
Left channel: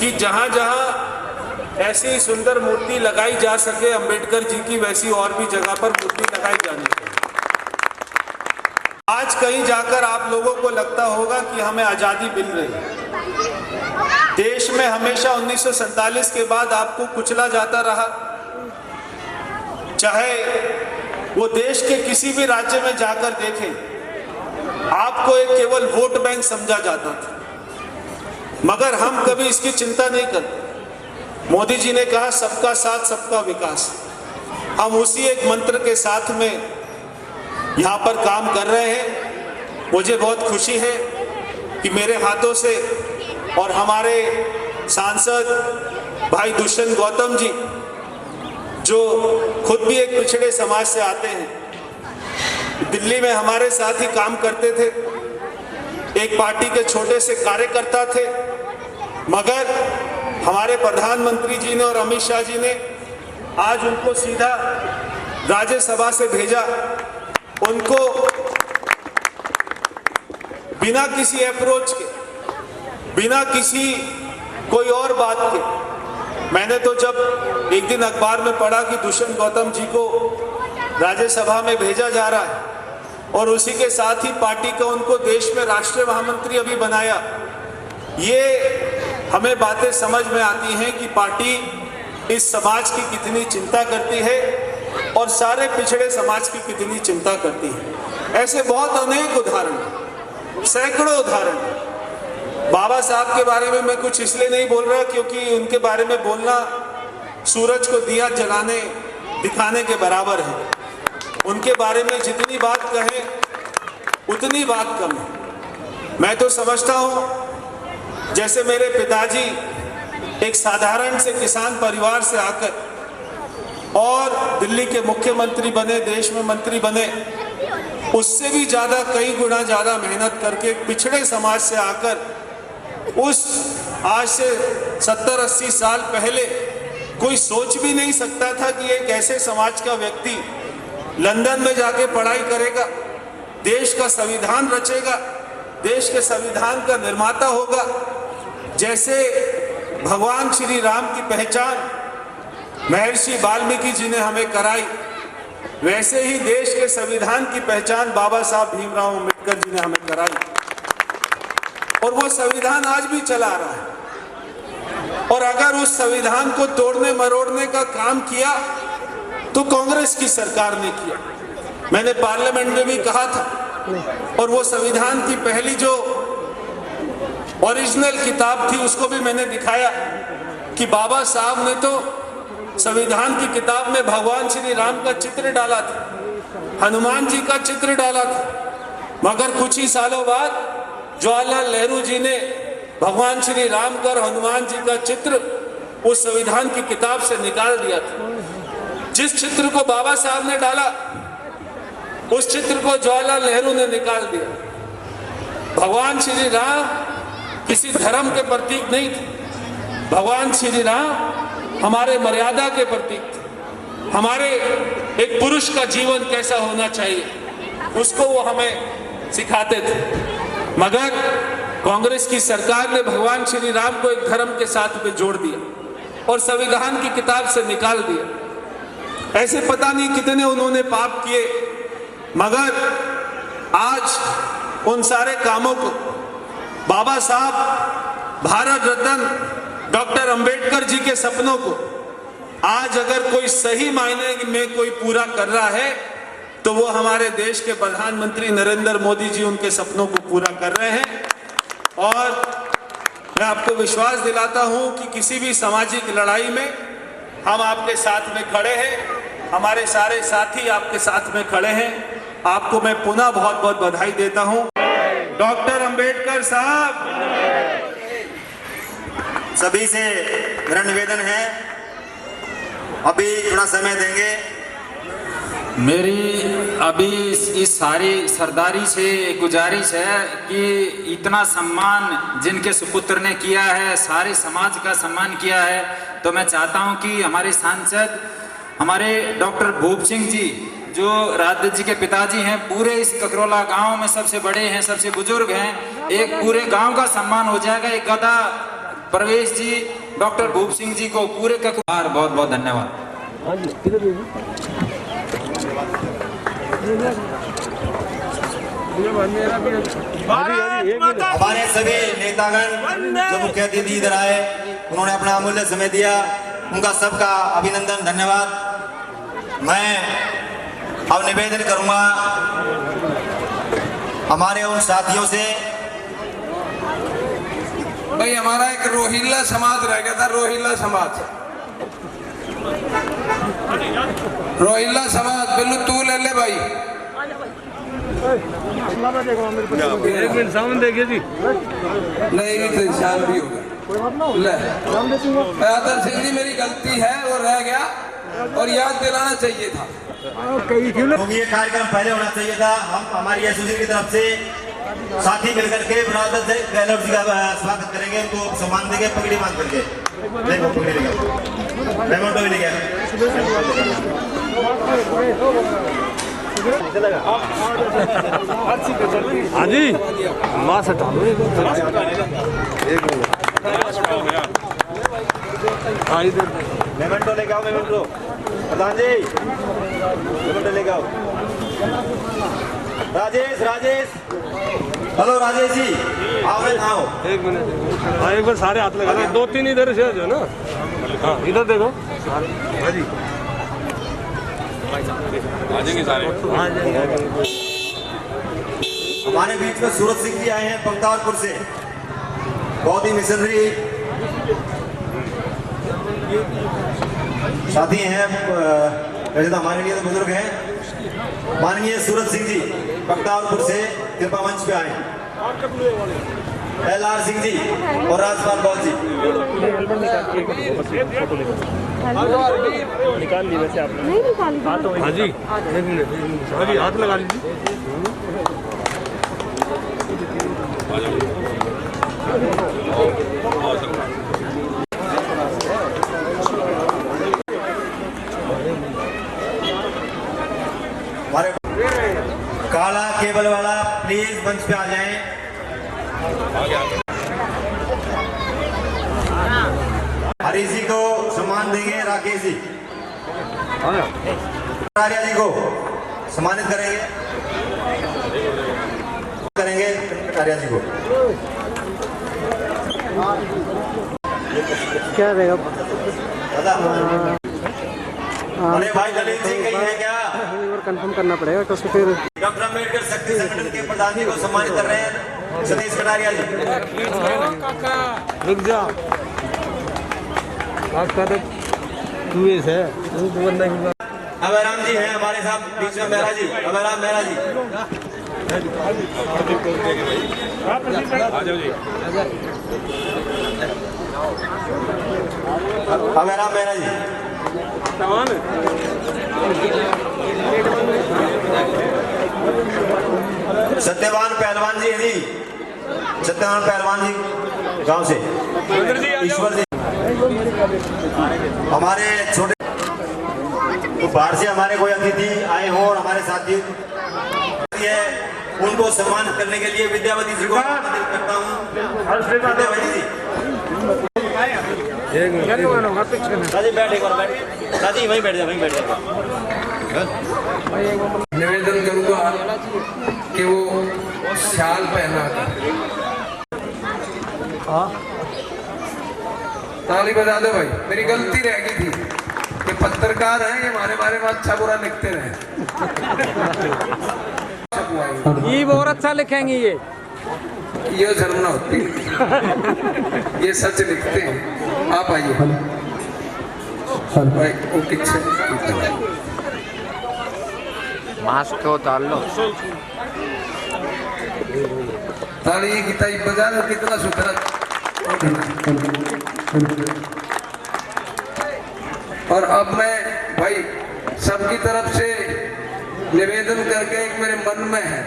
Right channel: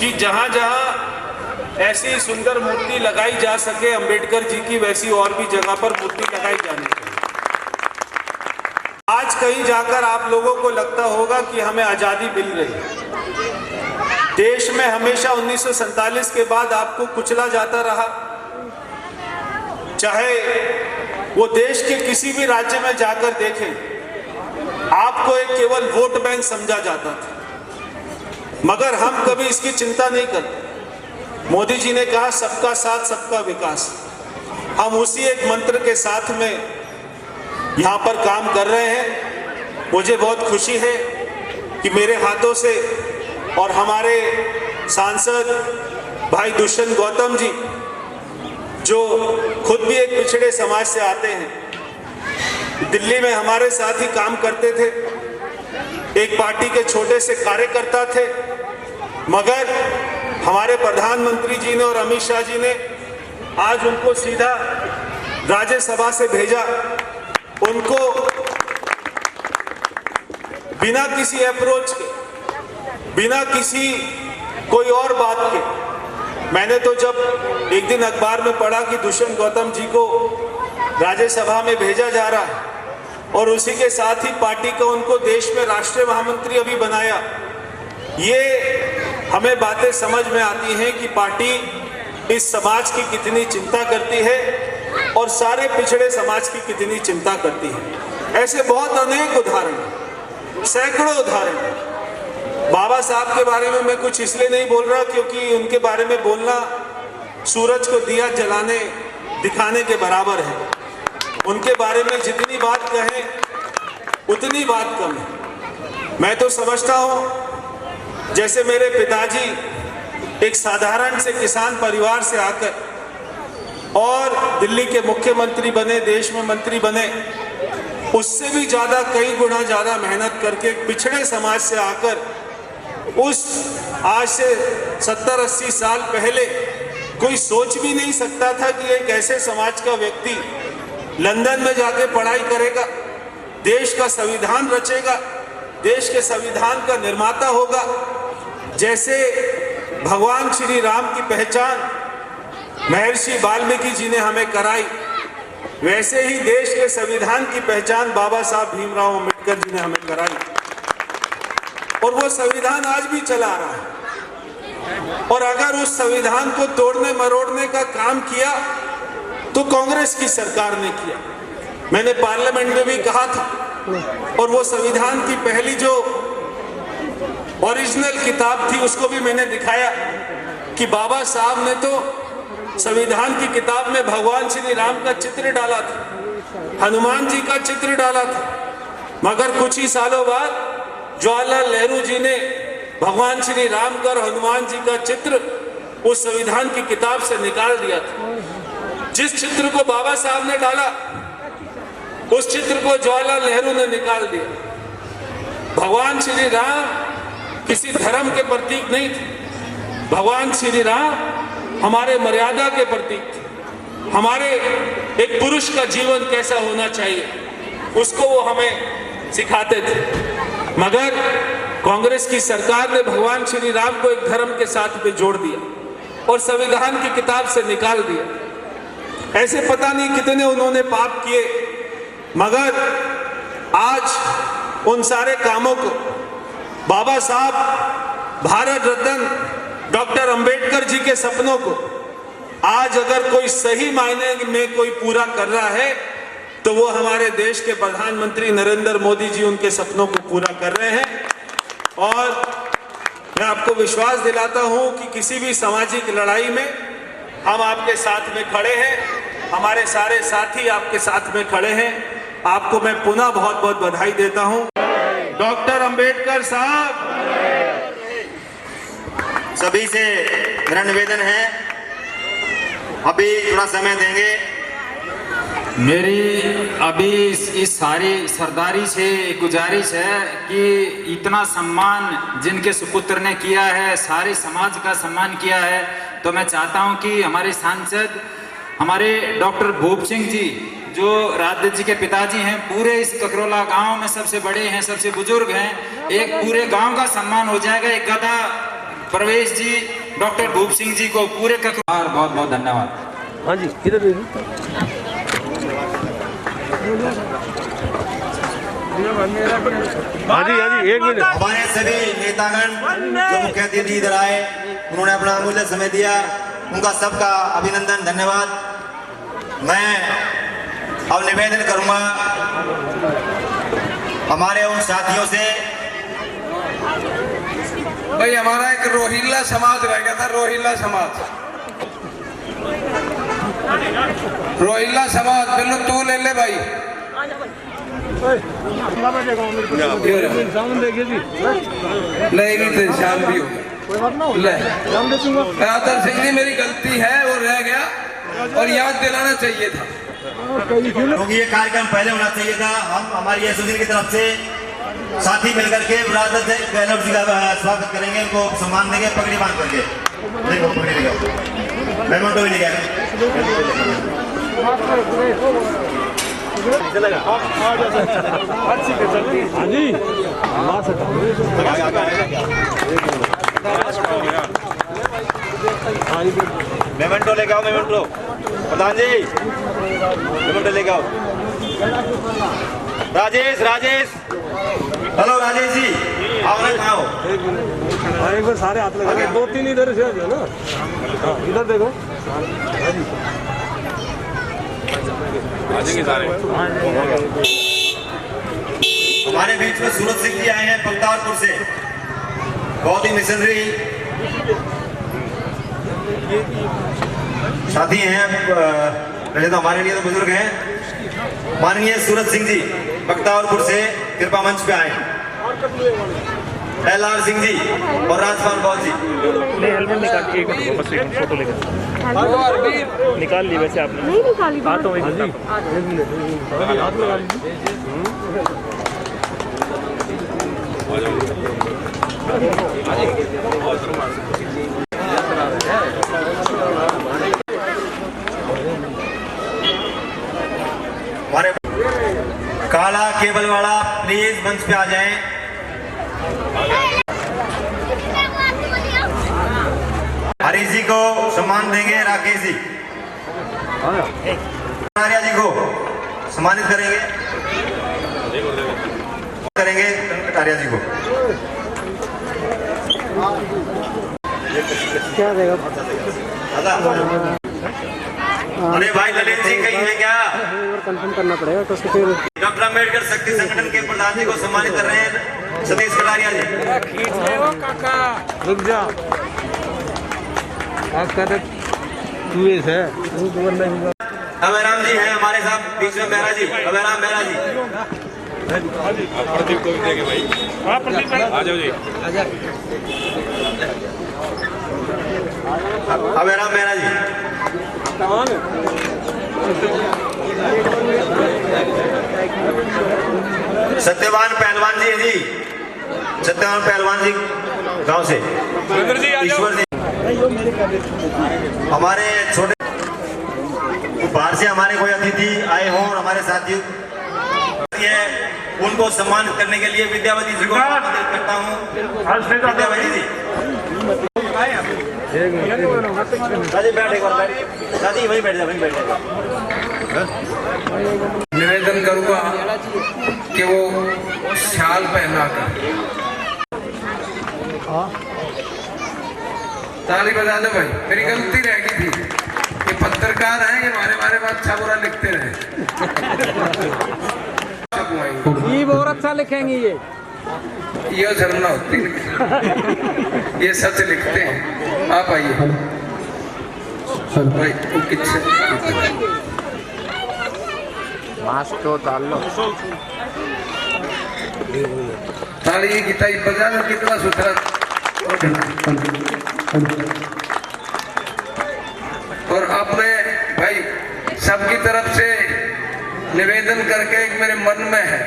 कि जहां जहां ऐसी सुंदर मूर्ति लगाई जा सके अंबेडकर जी की, वैसी और भी जगह पर मूर्ति लगाई जानी चाहिए। आज कहीं जाकर आप लोगों को लगता होगा कि हमें आजादी मिल रही है। देश में हमेशा 1947 के बाद आपको कुचला जाता रहा, चाहे वो देश के किसी भी राज्य में जाकर देखें, आपको एक केवल वोट बैंक समझा जाता था, मगर हम कभी इसकी चिंता नहीं करते। मोदी जी ने कहा सबका साथ सबका विकास, हम उसी एक मंत्र के साथ में यहाँ पर काम कर रहे हैं। मुझे बहुत खुशी है कि मेरे हाथों से और हमारे सांसद भाई दुष्यंत गौतम जी, जो खुद भी एक पिछड़े समाज से आते हैं, दिल्ली में हमारे साथ ही काम करते थे, एक पार्टी के छोटे से कार्यकर्ता थे, मगर हमारे प्रधानमंत्री जी ने और अमित शाह जी ने आज उनको सीधा राज्यसभा से भेजा। उनको बिना किसी अप्रोच के, बिना किसी कोई और बात के, मैंने तो जब एक दिन अखबार में पढ़ा कि दुष्यंत गौतम जी को राज्यसभा में भेजा जा रहा है और उसी के साथ ही पार्टी का उनको देश में राष्ट्रीय महामंत्री अभी बनाया, ये हमें बातें समझ में आती हैं कि पार्टी इस समाज की कितनी चिंता करती है और सारे पिछड़े समाज की कितनी चिंता करती है। ऐसे बहुत अनेक उदाहरण, सैकड़ों उदाहरण। बाबा साहब के बारे में मैं कुछ इसलिए नहीं बोल रहा क्योंकि उनके बारे में बोलना सूरज को दिया जलाने दिखाने के बराबर है। उनके बारे में जितनी बात कहें उतनी बात कम है। मैं तो समझता हूँ जैसे मेरे पिताजी एक साधारण से किसान परिवार से आकर और दिल्ली के मुख्यमंत्री बने, देश में मंत्री बने, उससे भी ज्यादा कई गुना ज्यादा मेहनत करके पिछड़े समाज से आकर उस आज से 70-80 साल पहले कोई सोच भी नहीं सकता था कि एक ऐसे समाज का व्यक्ति लंदन में जाके पढ़ाई करेगा, देश का संविधान रचेगा, देश के संविधान का निर्माता होगा। जैसे भगवान श्री राम की पहचान महर्षि वाल्मीकि जी ने हमें कराई, वैसे ही देश के संविधान की पहचान बाबा साहब भीमराव अम्बेडकर जी ने हमें कराई और वो संविधान आज भी चला रहा है। और अगर उस संविधान को तोड़ने मरोड़ने का काम किया तो कांग्रेस की सरकार ने किया। मैंने पार्लियामेंट में भी कहा था और वो संविधान की पहली जो ओरिजिनल किताब थी उसको भी मैंने दिखाया कि बाबा साहब ने तो संविधान की किताब में भगवान श्री राम का चित्र डाला था हनुमान जी का चित्र डाला था, मगर कुछ ही सालों बाद जवाहरलाल नेहरू जी ने भगवान श्री राम का और हनुमान जी का चित्र उस संविधान की किताब से निकाल दिया था। जिस चित्र को बाबा साहब ने डाला उस चित्र को जवाहरलाल नेहरू ने निकाल दिया। भगवान श्री राम किसी धर्म के प्रतीक नहीं थे, भगवान श्री राम हमारे मर्यादा के प्रतीक थे। हमारे एक पुरुष का जीवन कैसा होना चाहिए उसको वो हमें सिखाते थे। मगर कांग्रेस की सरकार ने भगवान श्री राम को एक धर्म के साथ में जोड़ दिया और संविधान की किताब से निकाल दिया। ऐसे पता नहीं कितने उन्होंने पाप किए, मगर आज उन सारे कामों को बाबा साहब भारत रत्न डॉक्टर अंबेडकर जी के सपनों को आज अगर कोई सही मायने में कोई पूरा कर रहा है तो वो हमारे देश के प्रधानमंत्री नरेंद्र मोदी जी उनके सपनों को पूरा कर रहे हैं। और मैं आपको विश्वास दिलाता हूं कि किसी भी सामाजिक लड़ाई में हम आपके साथ में खड़े हैं, हमारे सारे साथी आपके साथ में खड़े हैं। आपको मैं पुनः बहुत बहुत बधाई देता हूं। डॉक्टर अंबेडकर साहब, सभी से मेरा निवेदन है, अभी थोड़ा समय देंगे। मेरी अभी इस सारी सरदारी से गुजारिश है कि इतना सम्मान जिनके सुपुत्र ने किया है, सारे समाज का सम्मान किया है, तो मैं चाहता हूं कि हमारे सांसद हमारे डॉक्टर भूप सिंह जी जो राधे जी के पिताजी हैं, पूरे इस ककरोला गांव में सबसे बड़े हैं, सबसे बुजुर्ग हैं, एक पूरे गांव का सम्मान हो जाएगा। एक गदा प्रवेश जी, डॉक्टर भूप सिंह जी को पूरे ककरोला बहुत बहुत धन्यवाद। हाँ जी, किधर हमारे सभी नेतागण जो मुख्य अतिथि इधर आए, उन्होंने अपना अमूल्य समय दिया, उनका सबका अभिनंदन, धन्यवाद। मैं अब निवेदन करूंगा हमारे उन साथियों से। भाई हमारा एक रोहिल्ला समाज रह गया था, रोहिल्ला समाज, रोहिल्ला समाज, बिल्लू तू ले ले भाई। सामने देखिए जी, नहीं भी शाम भी हो गया। आदर सिंह जी, मेरी गलती है, वो रह गया और याद दिलाना चाहिए था, क्योंकि ये कार्यक्रम पहले होना चाहिए था। हम हमारी एसोसिएशन की तरफ से साथी मिलकर के ब्रादर गहलोत जी का स्वागत करेंगे, उनको सम्मान देंगे पगड़ी बांध करके। देखो पेमेंट भी लेके हाँ जी, वहाँ से मेमेंटो लेके आओ, मेमेंटो प्रधान जी, मेमेंटो लेके आओ। राजेश, राजेश, हेलो राजेश जी, आओ ना, आओ। एक बार सारे हाथ लगा, दो तीन इधर से जो ना, हाँ इधर देखो, आ जाएंगे सारे। हमारे बीच में सूरज सिंह जी आए हैं बख्तारपुर से, बहुत ही मिशनरी साथी हैं, वैसे तो हमारे लिए तो बुजुर्ग हैं। माननीय सूरज सिंह जी बख्तारपुर से कृपा मंच पे आए। LR सिंह जी और राजपाल बॉल जी। निकाल ली वैसे आपने? नहीं निकाली। हाँ तो हाँ जी, हाथ लगा लीजिए। हमारे काला केबल वाला प्लीज मंच पे आ जाएं। हरीश जी को सम्मान देंगे, राकेश जी, आर्या जी को सम्मानित करेंगे आर्या जी को। क्या देगा? अरे भाई ललित जी कहीं है क्या? कंफर्म करना पड़ेगा तो फिर डॉक्टर अम्बेडकर शक्ति संगठन के प्रधान जी को सम्मानित कर रहे हैं सतीश कटारिया जी। खींच रहे हो काका, रुक जा, काका तो चूहे से अभयराम जी हैं हमारे साथ बीच में, मेहरा जी, अभयराम मेहरा जी, प्रदीप को भी देंगे भाई। हाँ प्रदीप भाई आ जाओ जी। अभयराम मेहरा जी, सत्यवान पहलवान जी है जी, सत्यवान पहलवान जी गांव से, ईश्वर जी हमारे छोटे बाहर से हमारे कोई अतिथि आए हो और हमारे साथी उनको सम्मानित करने के लिए विद्यावती जी को आमंत्रित करता हूँ। विद्यावती जी साजी बैठ, एक बार साजी वहीं बैठ जा, वहीं बैठ जा। निवेदन करूंगा कि वो शाल पहना कर ताली बजा दो भाई। मेरी गलती रह गई थी, ये पत्रकार हैं, ये हमारे बारे में अच्छा बुरा लिखते रहे। ये बहुत अच्छा लिखेंगे ये शर्मा होती है, ये सच लिखते हैं। आप आइए भाई, वो किससे मास्क तो डाल लो। ताली कितना बजा रहे, कितना सुथरा। और अब मैं भाई सबकी तरफ से निवेदन करके एक मेरे मन में है,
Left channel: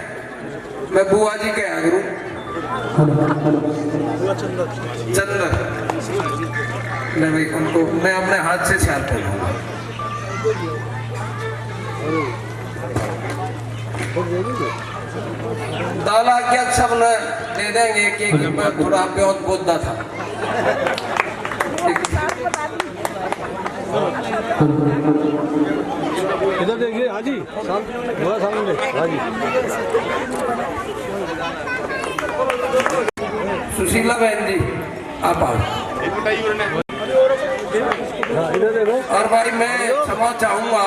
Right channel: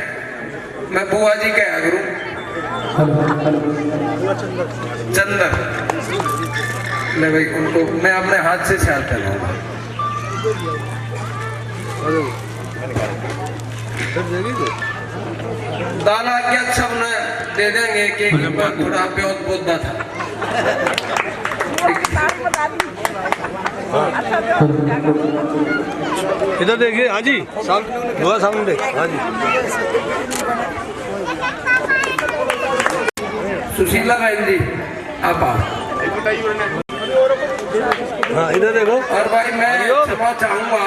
मैं बुआ जी क्या करूं, चंदन मैं भाई उनको मैं अपने हाथ से शाल करूंगा। दाला क्या सब ने दे देंगे कि थोड़ा बहुत पौधा था। इधर देखिए हाँ जी, सामने देखिए हाँ जी। सुशीला बहन जी आप आओ। हाँ इधर देखो। और भाई मैं क्षमा चाहूंगा,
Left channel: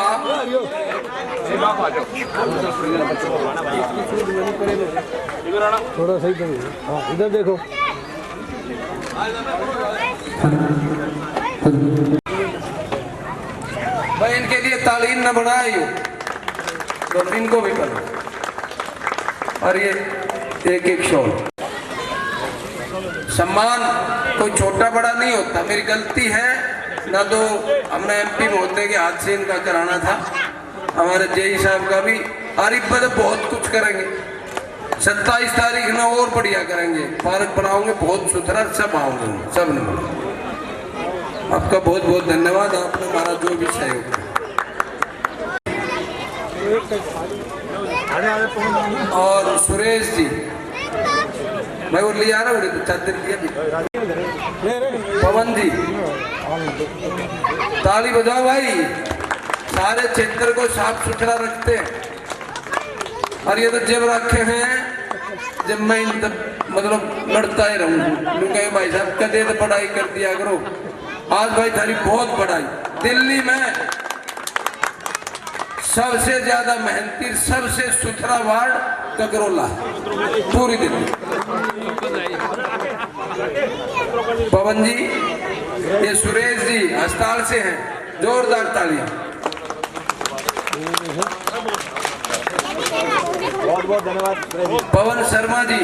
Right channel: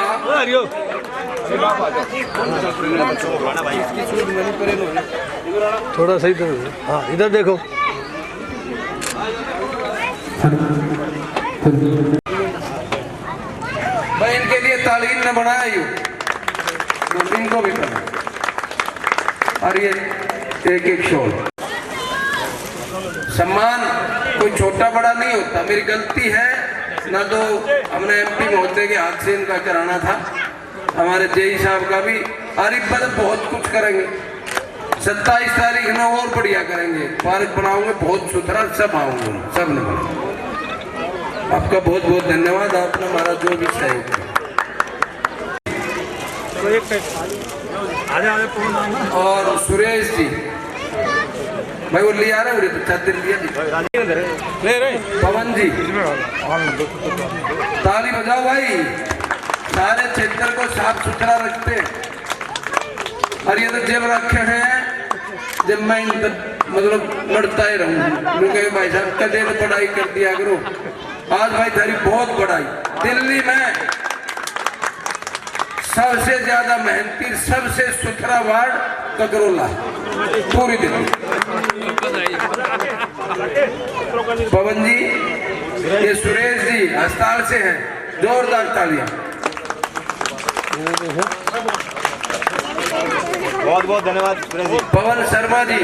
थोड़ा सही तो। हाँ इधर देखो। भाई इनके लिए तालीम न बनाया यूं, तो इनको भी करो। और ये एक एक शोर सम्मान कोई छोटा बड़ा नहीं होता। मेरी गलती है ना, तो हमने एमपी महोदय के हाथ से इनका कराना था, हमारे जेई साहब का भी। आरिफ भाई बहुत कुछ करेंगे, 27 तारीख ना और बढ़िया करेंगे, पार्क बनाओगे बहुत सुथरा, सब आओगे, सब ने। आपका बहुत बहुत धन्यवाद, आपने हमारा जो भी सहयोग किया। और सुरेश जी मैं वो लिया रहा हूँ, चादर दिया। पवन जी ताली बजाओ भाई, सारे क्षेत्र को साफ सुथरा रखते हैं। और ये तो जेब रखे हैं, जब मैं मतलब लड़ता ही रहूँ भाई साहब कदे तो पढ़ाई कर दिया करो। आज भाई थारी बहुत बड़ाई, दिल्ली में सबसे ज्यादा मेहनती सबसे सुथरा वार्ड ककरोला पूरी दिल्ली। पवन जी, ये सुरेश जी अस्पताल से हैं, जोरदार तालियां। बहुत बहुत धन्यवाद पवन शर्मा जी,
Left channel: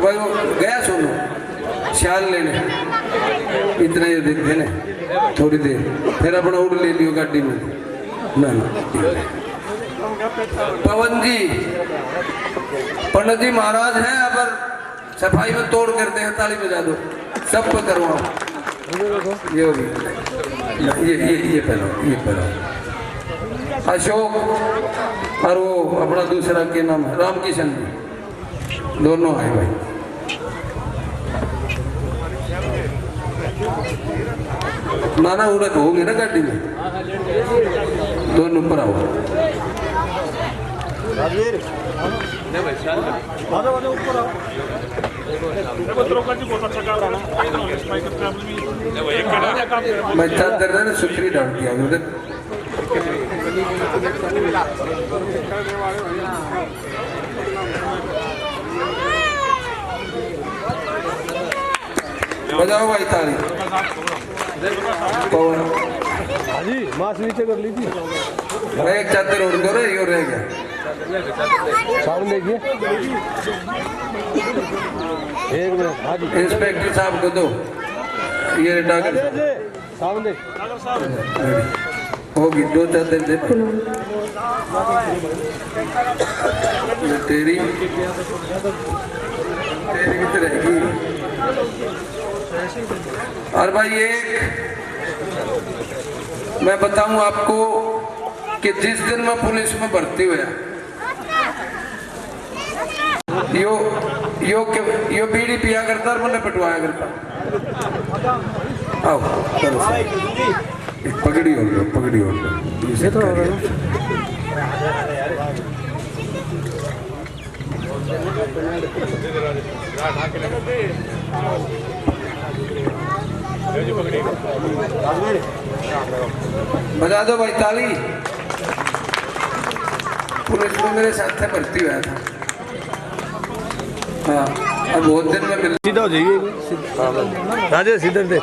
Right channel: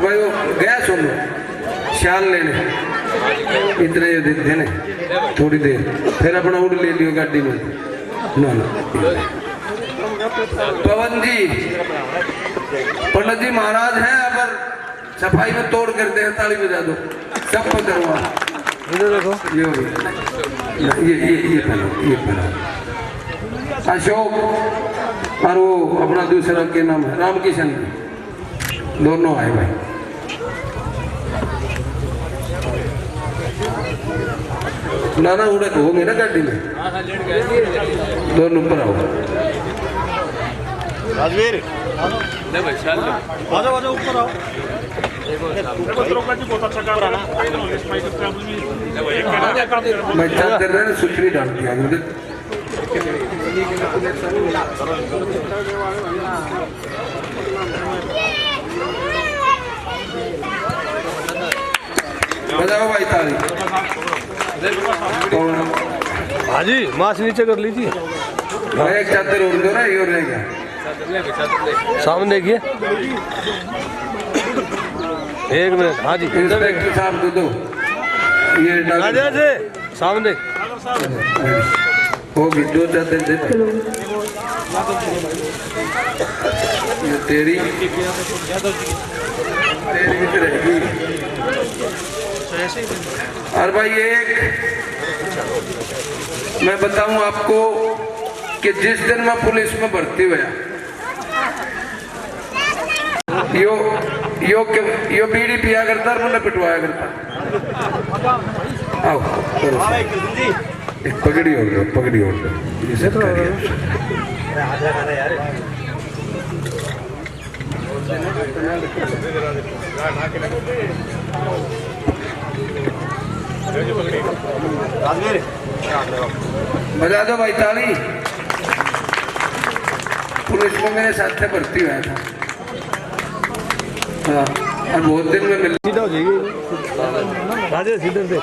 भाई वो गया सुनो शाल लेने, इतने ही दिन थे ना, थोड़ी देर फिर अपना उड़ ले लियो गाड़ी में ना। पवन जी पंडित जी महाराज हैं, अगर सफाई में तोड़ करते हैं, ताली बजा दो, सब को करवा। ये अशोक और वो अपना दूसरा के नाम रामकिशन, दोनों आए भाई। नाना उड़क हो गए ना गाड़ी में, दोनों ऊपर आओ। मैं चादर ना सुथरी डाल दिया मुझे। बजाओ भाई ताली। हाँ जी, मास्क नीचे कर लीजिए। एक चादर उड़ दो ना, ये रह गया। सामने देखिए, एक मिनट। हाँ जी, इंस्पेक्टर साहब को दो ये डाल। सामने होगी, 2 चादर दे भाई। तेरी रहेगी। और भाई एक मैं बताऊं आपको कि जिस दिन मैं पुलिस में भर्ती हुआ, यो बीड़ी पिया करता और मैंने पिटवाया करता। आओ एक पगड़ी हो गया, पगड़ी हो गया। बजा दो भाई ताली। पुलिस में मेरे साथ से भर्ती हुआ था। हाँ, और बहुत दिन में मिल। सीधा हो जाइए, राजे सीधे दे।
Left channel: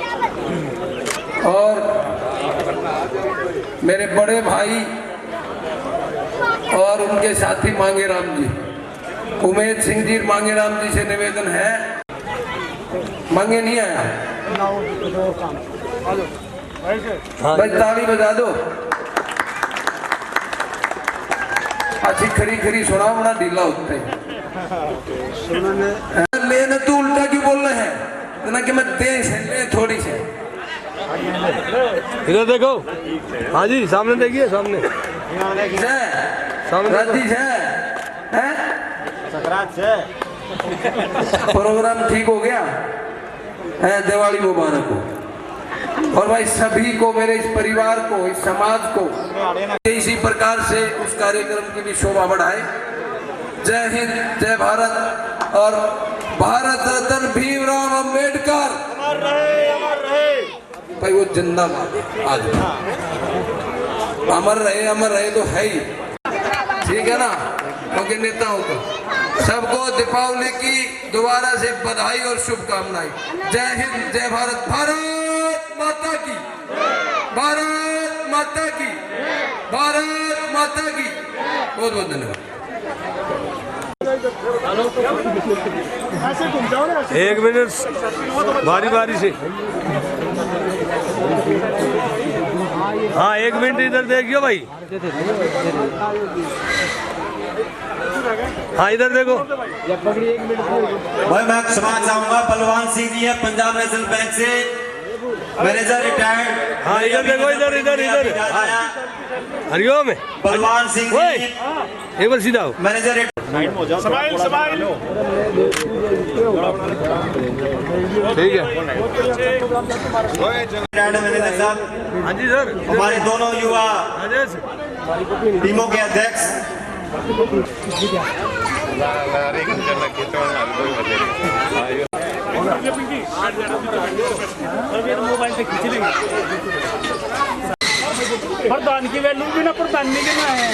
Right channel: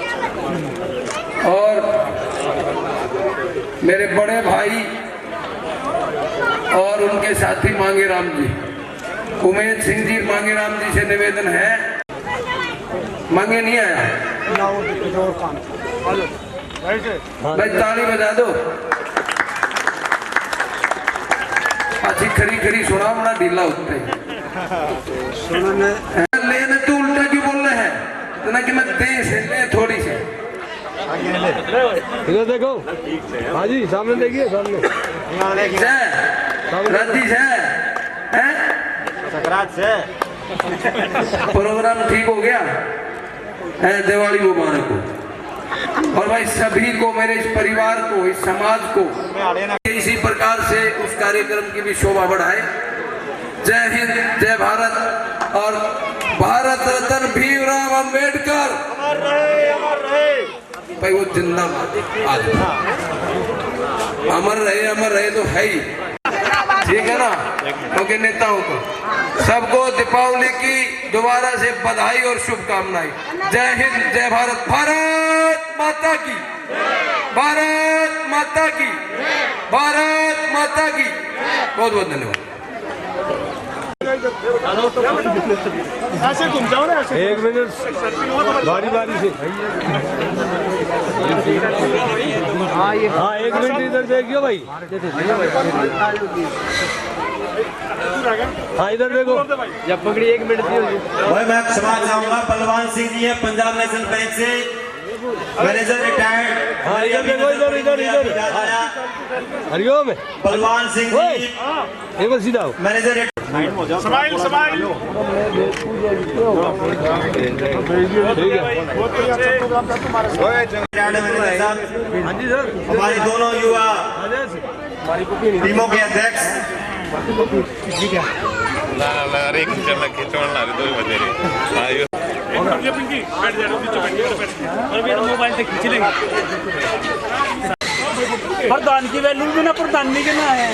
और मेरे बड़े भाई और उनके साथी मांगेराम जी, उमेश सिंह जी, मांगेराम जी से निवेदन है। मांगे नहीं आया भाई, ताली बजा दो। अच्छी खरी खरी सुना, बड़ा ढीला होता है। लेने तो उल्टा क्यों बोल रहे हैं? इतना कि मैं दे से ले थोड़ी से। इधर देखो। हाँ जी, सामने देखिए, सामने राती से हैं? प्रोग्राम ठीक हो गया है, दिवाली मुबारक हो। और भाई सभी को, मेरे इस परिवार को, इस समाज को इसी प्रकार से उस कार्यक्रम की भी शोभा बढ़ाए। जय हिंद, जय भारत। और भारत रत्न भीमराव अंबेडकर भाई वो जिंदाबाद, अमर रहे तो है ही, ठीक है ना। क्योंकि नेताओं को सबको दीपावली की दोबारा से बधाई और शुभकामनाएं। जय हिंद, जय भारत। भारत माता की, भारत माता की, भारत माता की। बहुत बहुत धन्यवाद। एक मिनट, बारी बारी से। हाँ, एक मिनट इधर देखियो भाई। हाँ, इधर देखो। जब पकड़ी 1 मिनट। भाई मैं क्षमा चाहूंगा, बलवान सिंह जी है पंजाब नेशनल बैंक से, मैनेजर रिटायर्ड। हाँ, इधर देखो, इधर इधर इधर। हरिओम बलवान सिंह जी, एक बार सीधा हो। Manager smile smile. ठीक है। हाँ जी सर। हमारे दोनों युवा टीमों के अध्यक्ष मोबाइल से खींच लेंगे। प्रधान की वैल्यू भी ना, प्रधान नहीं के ना है।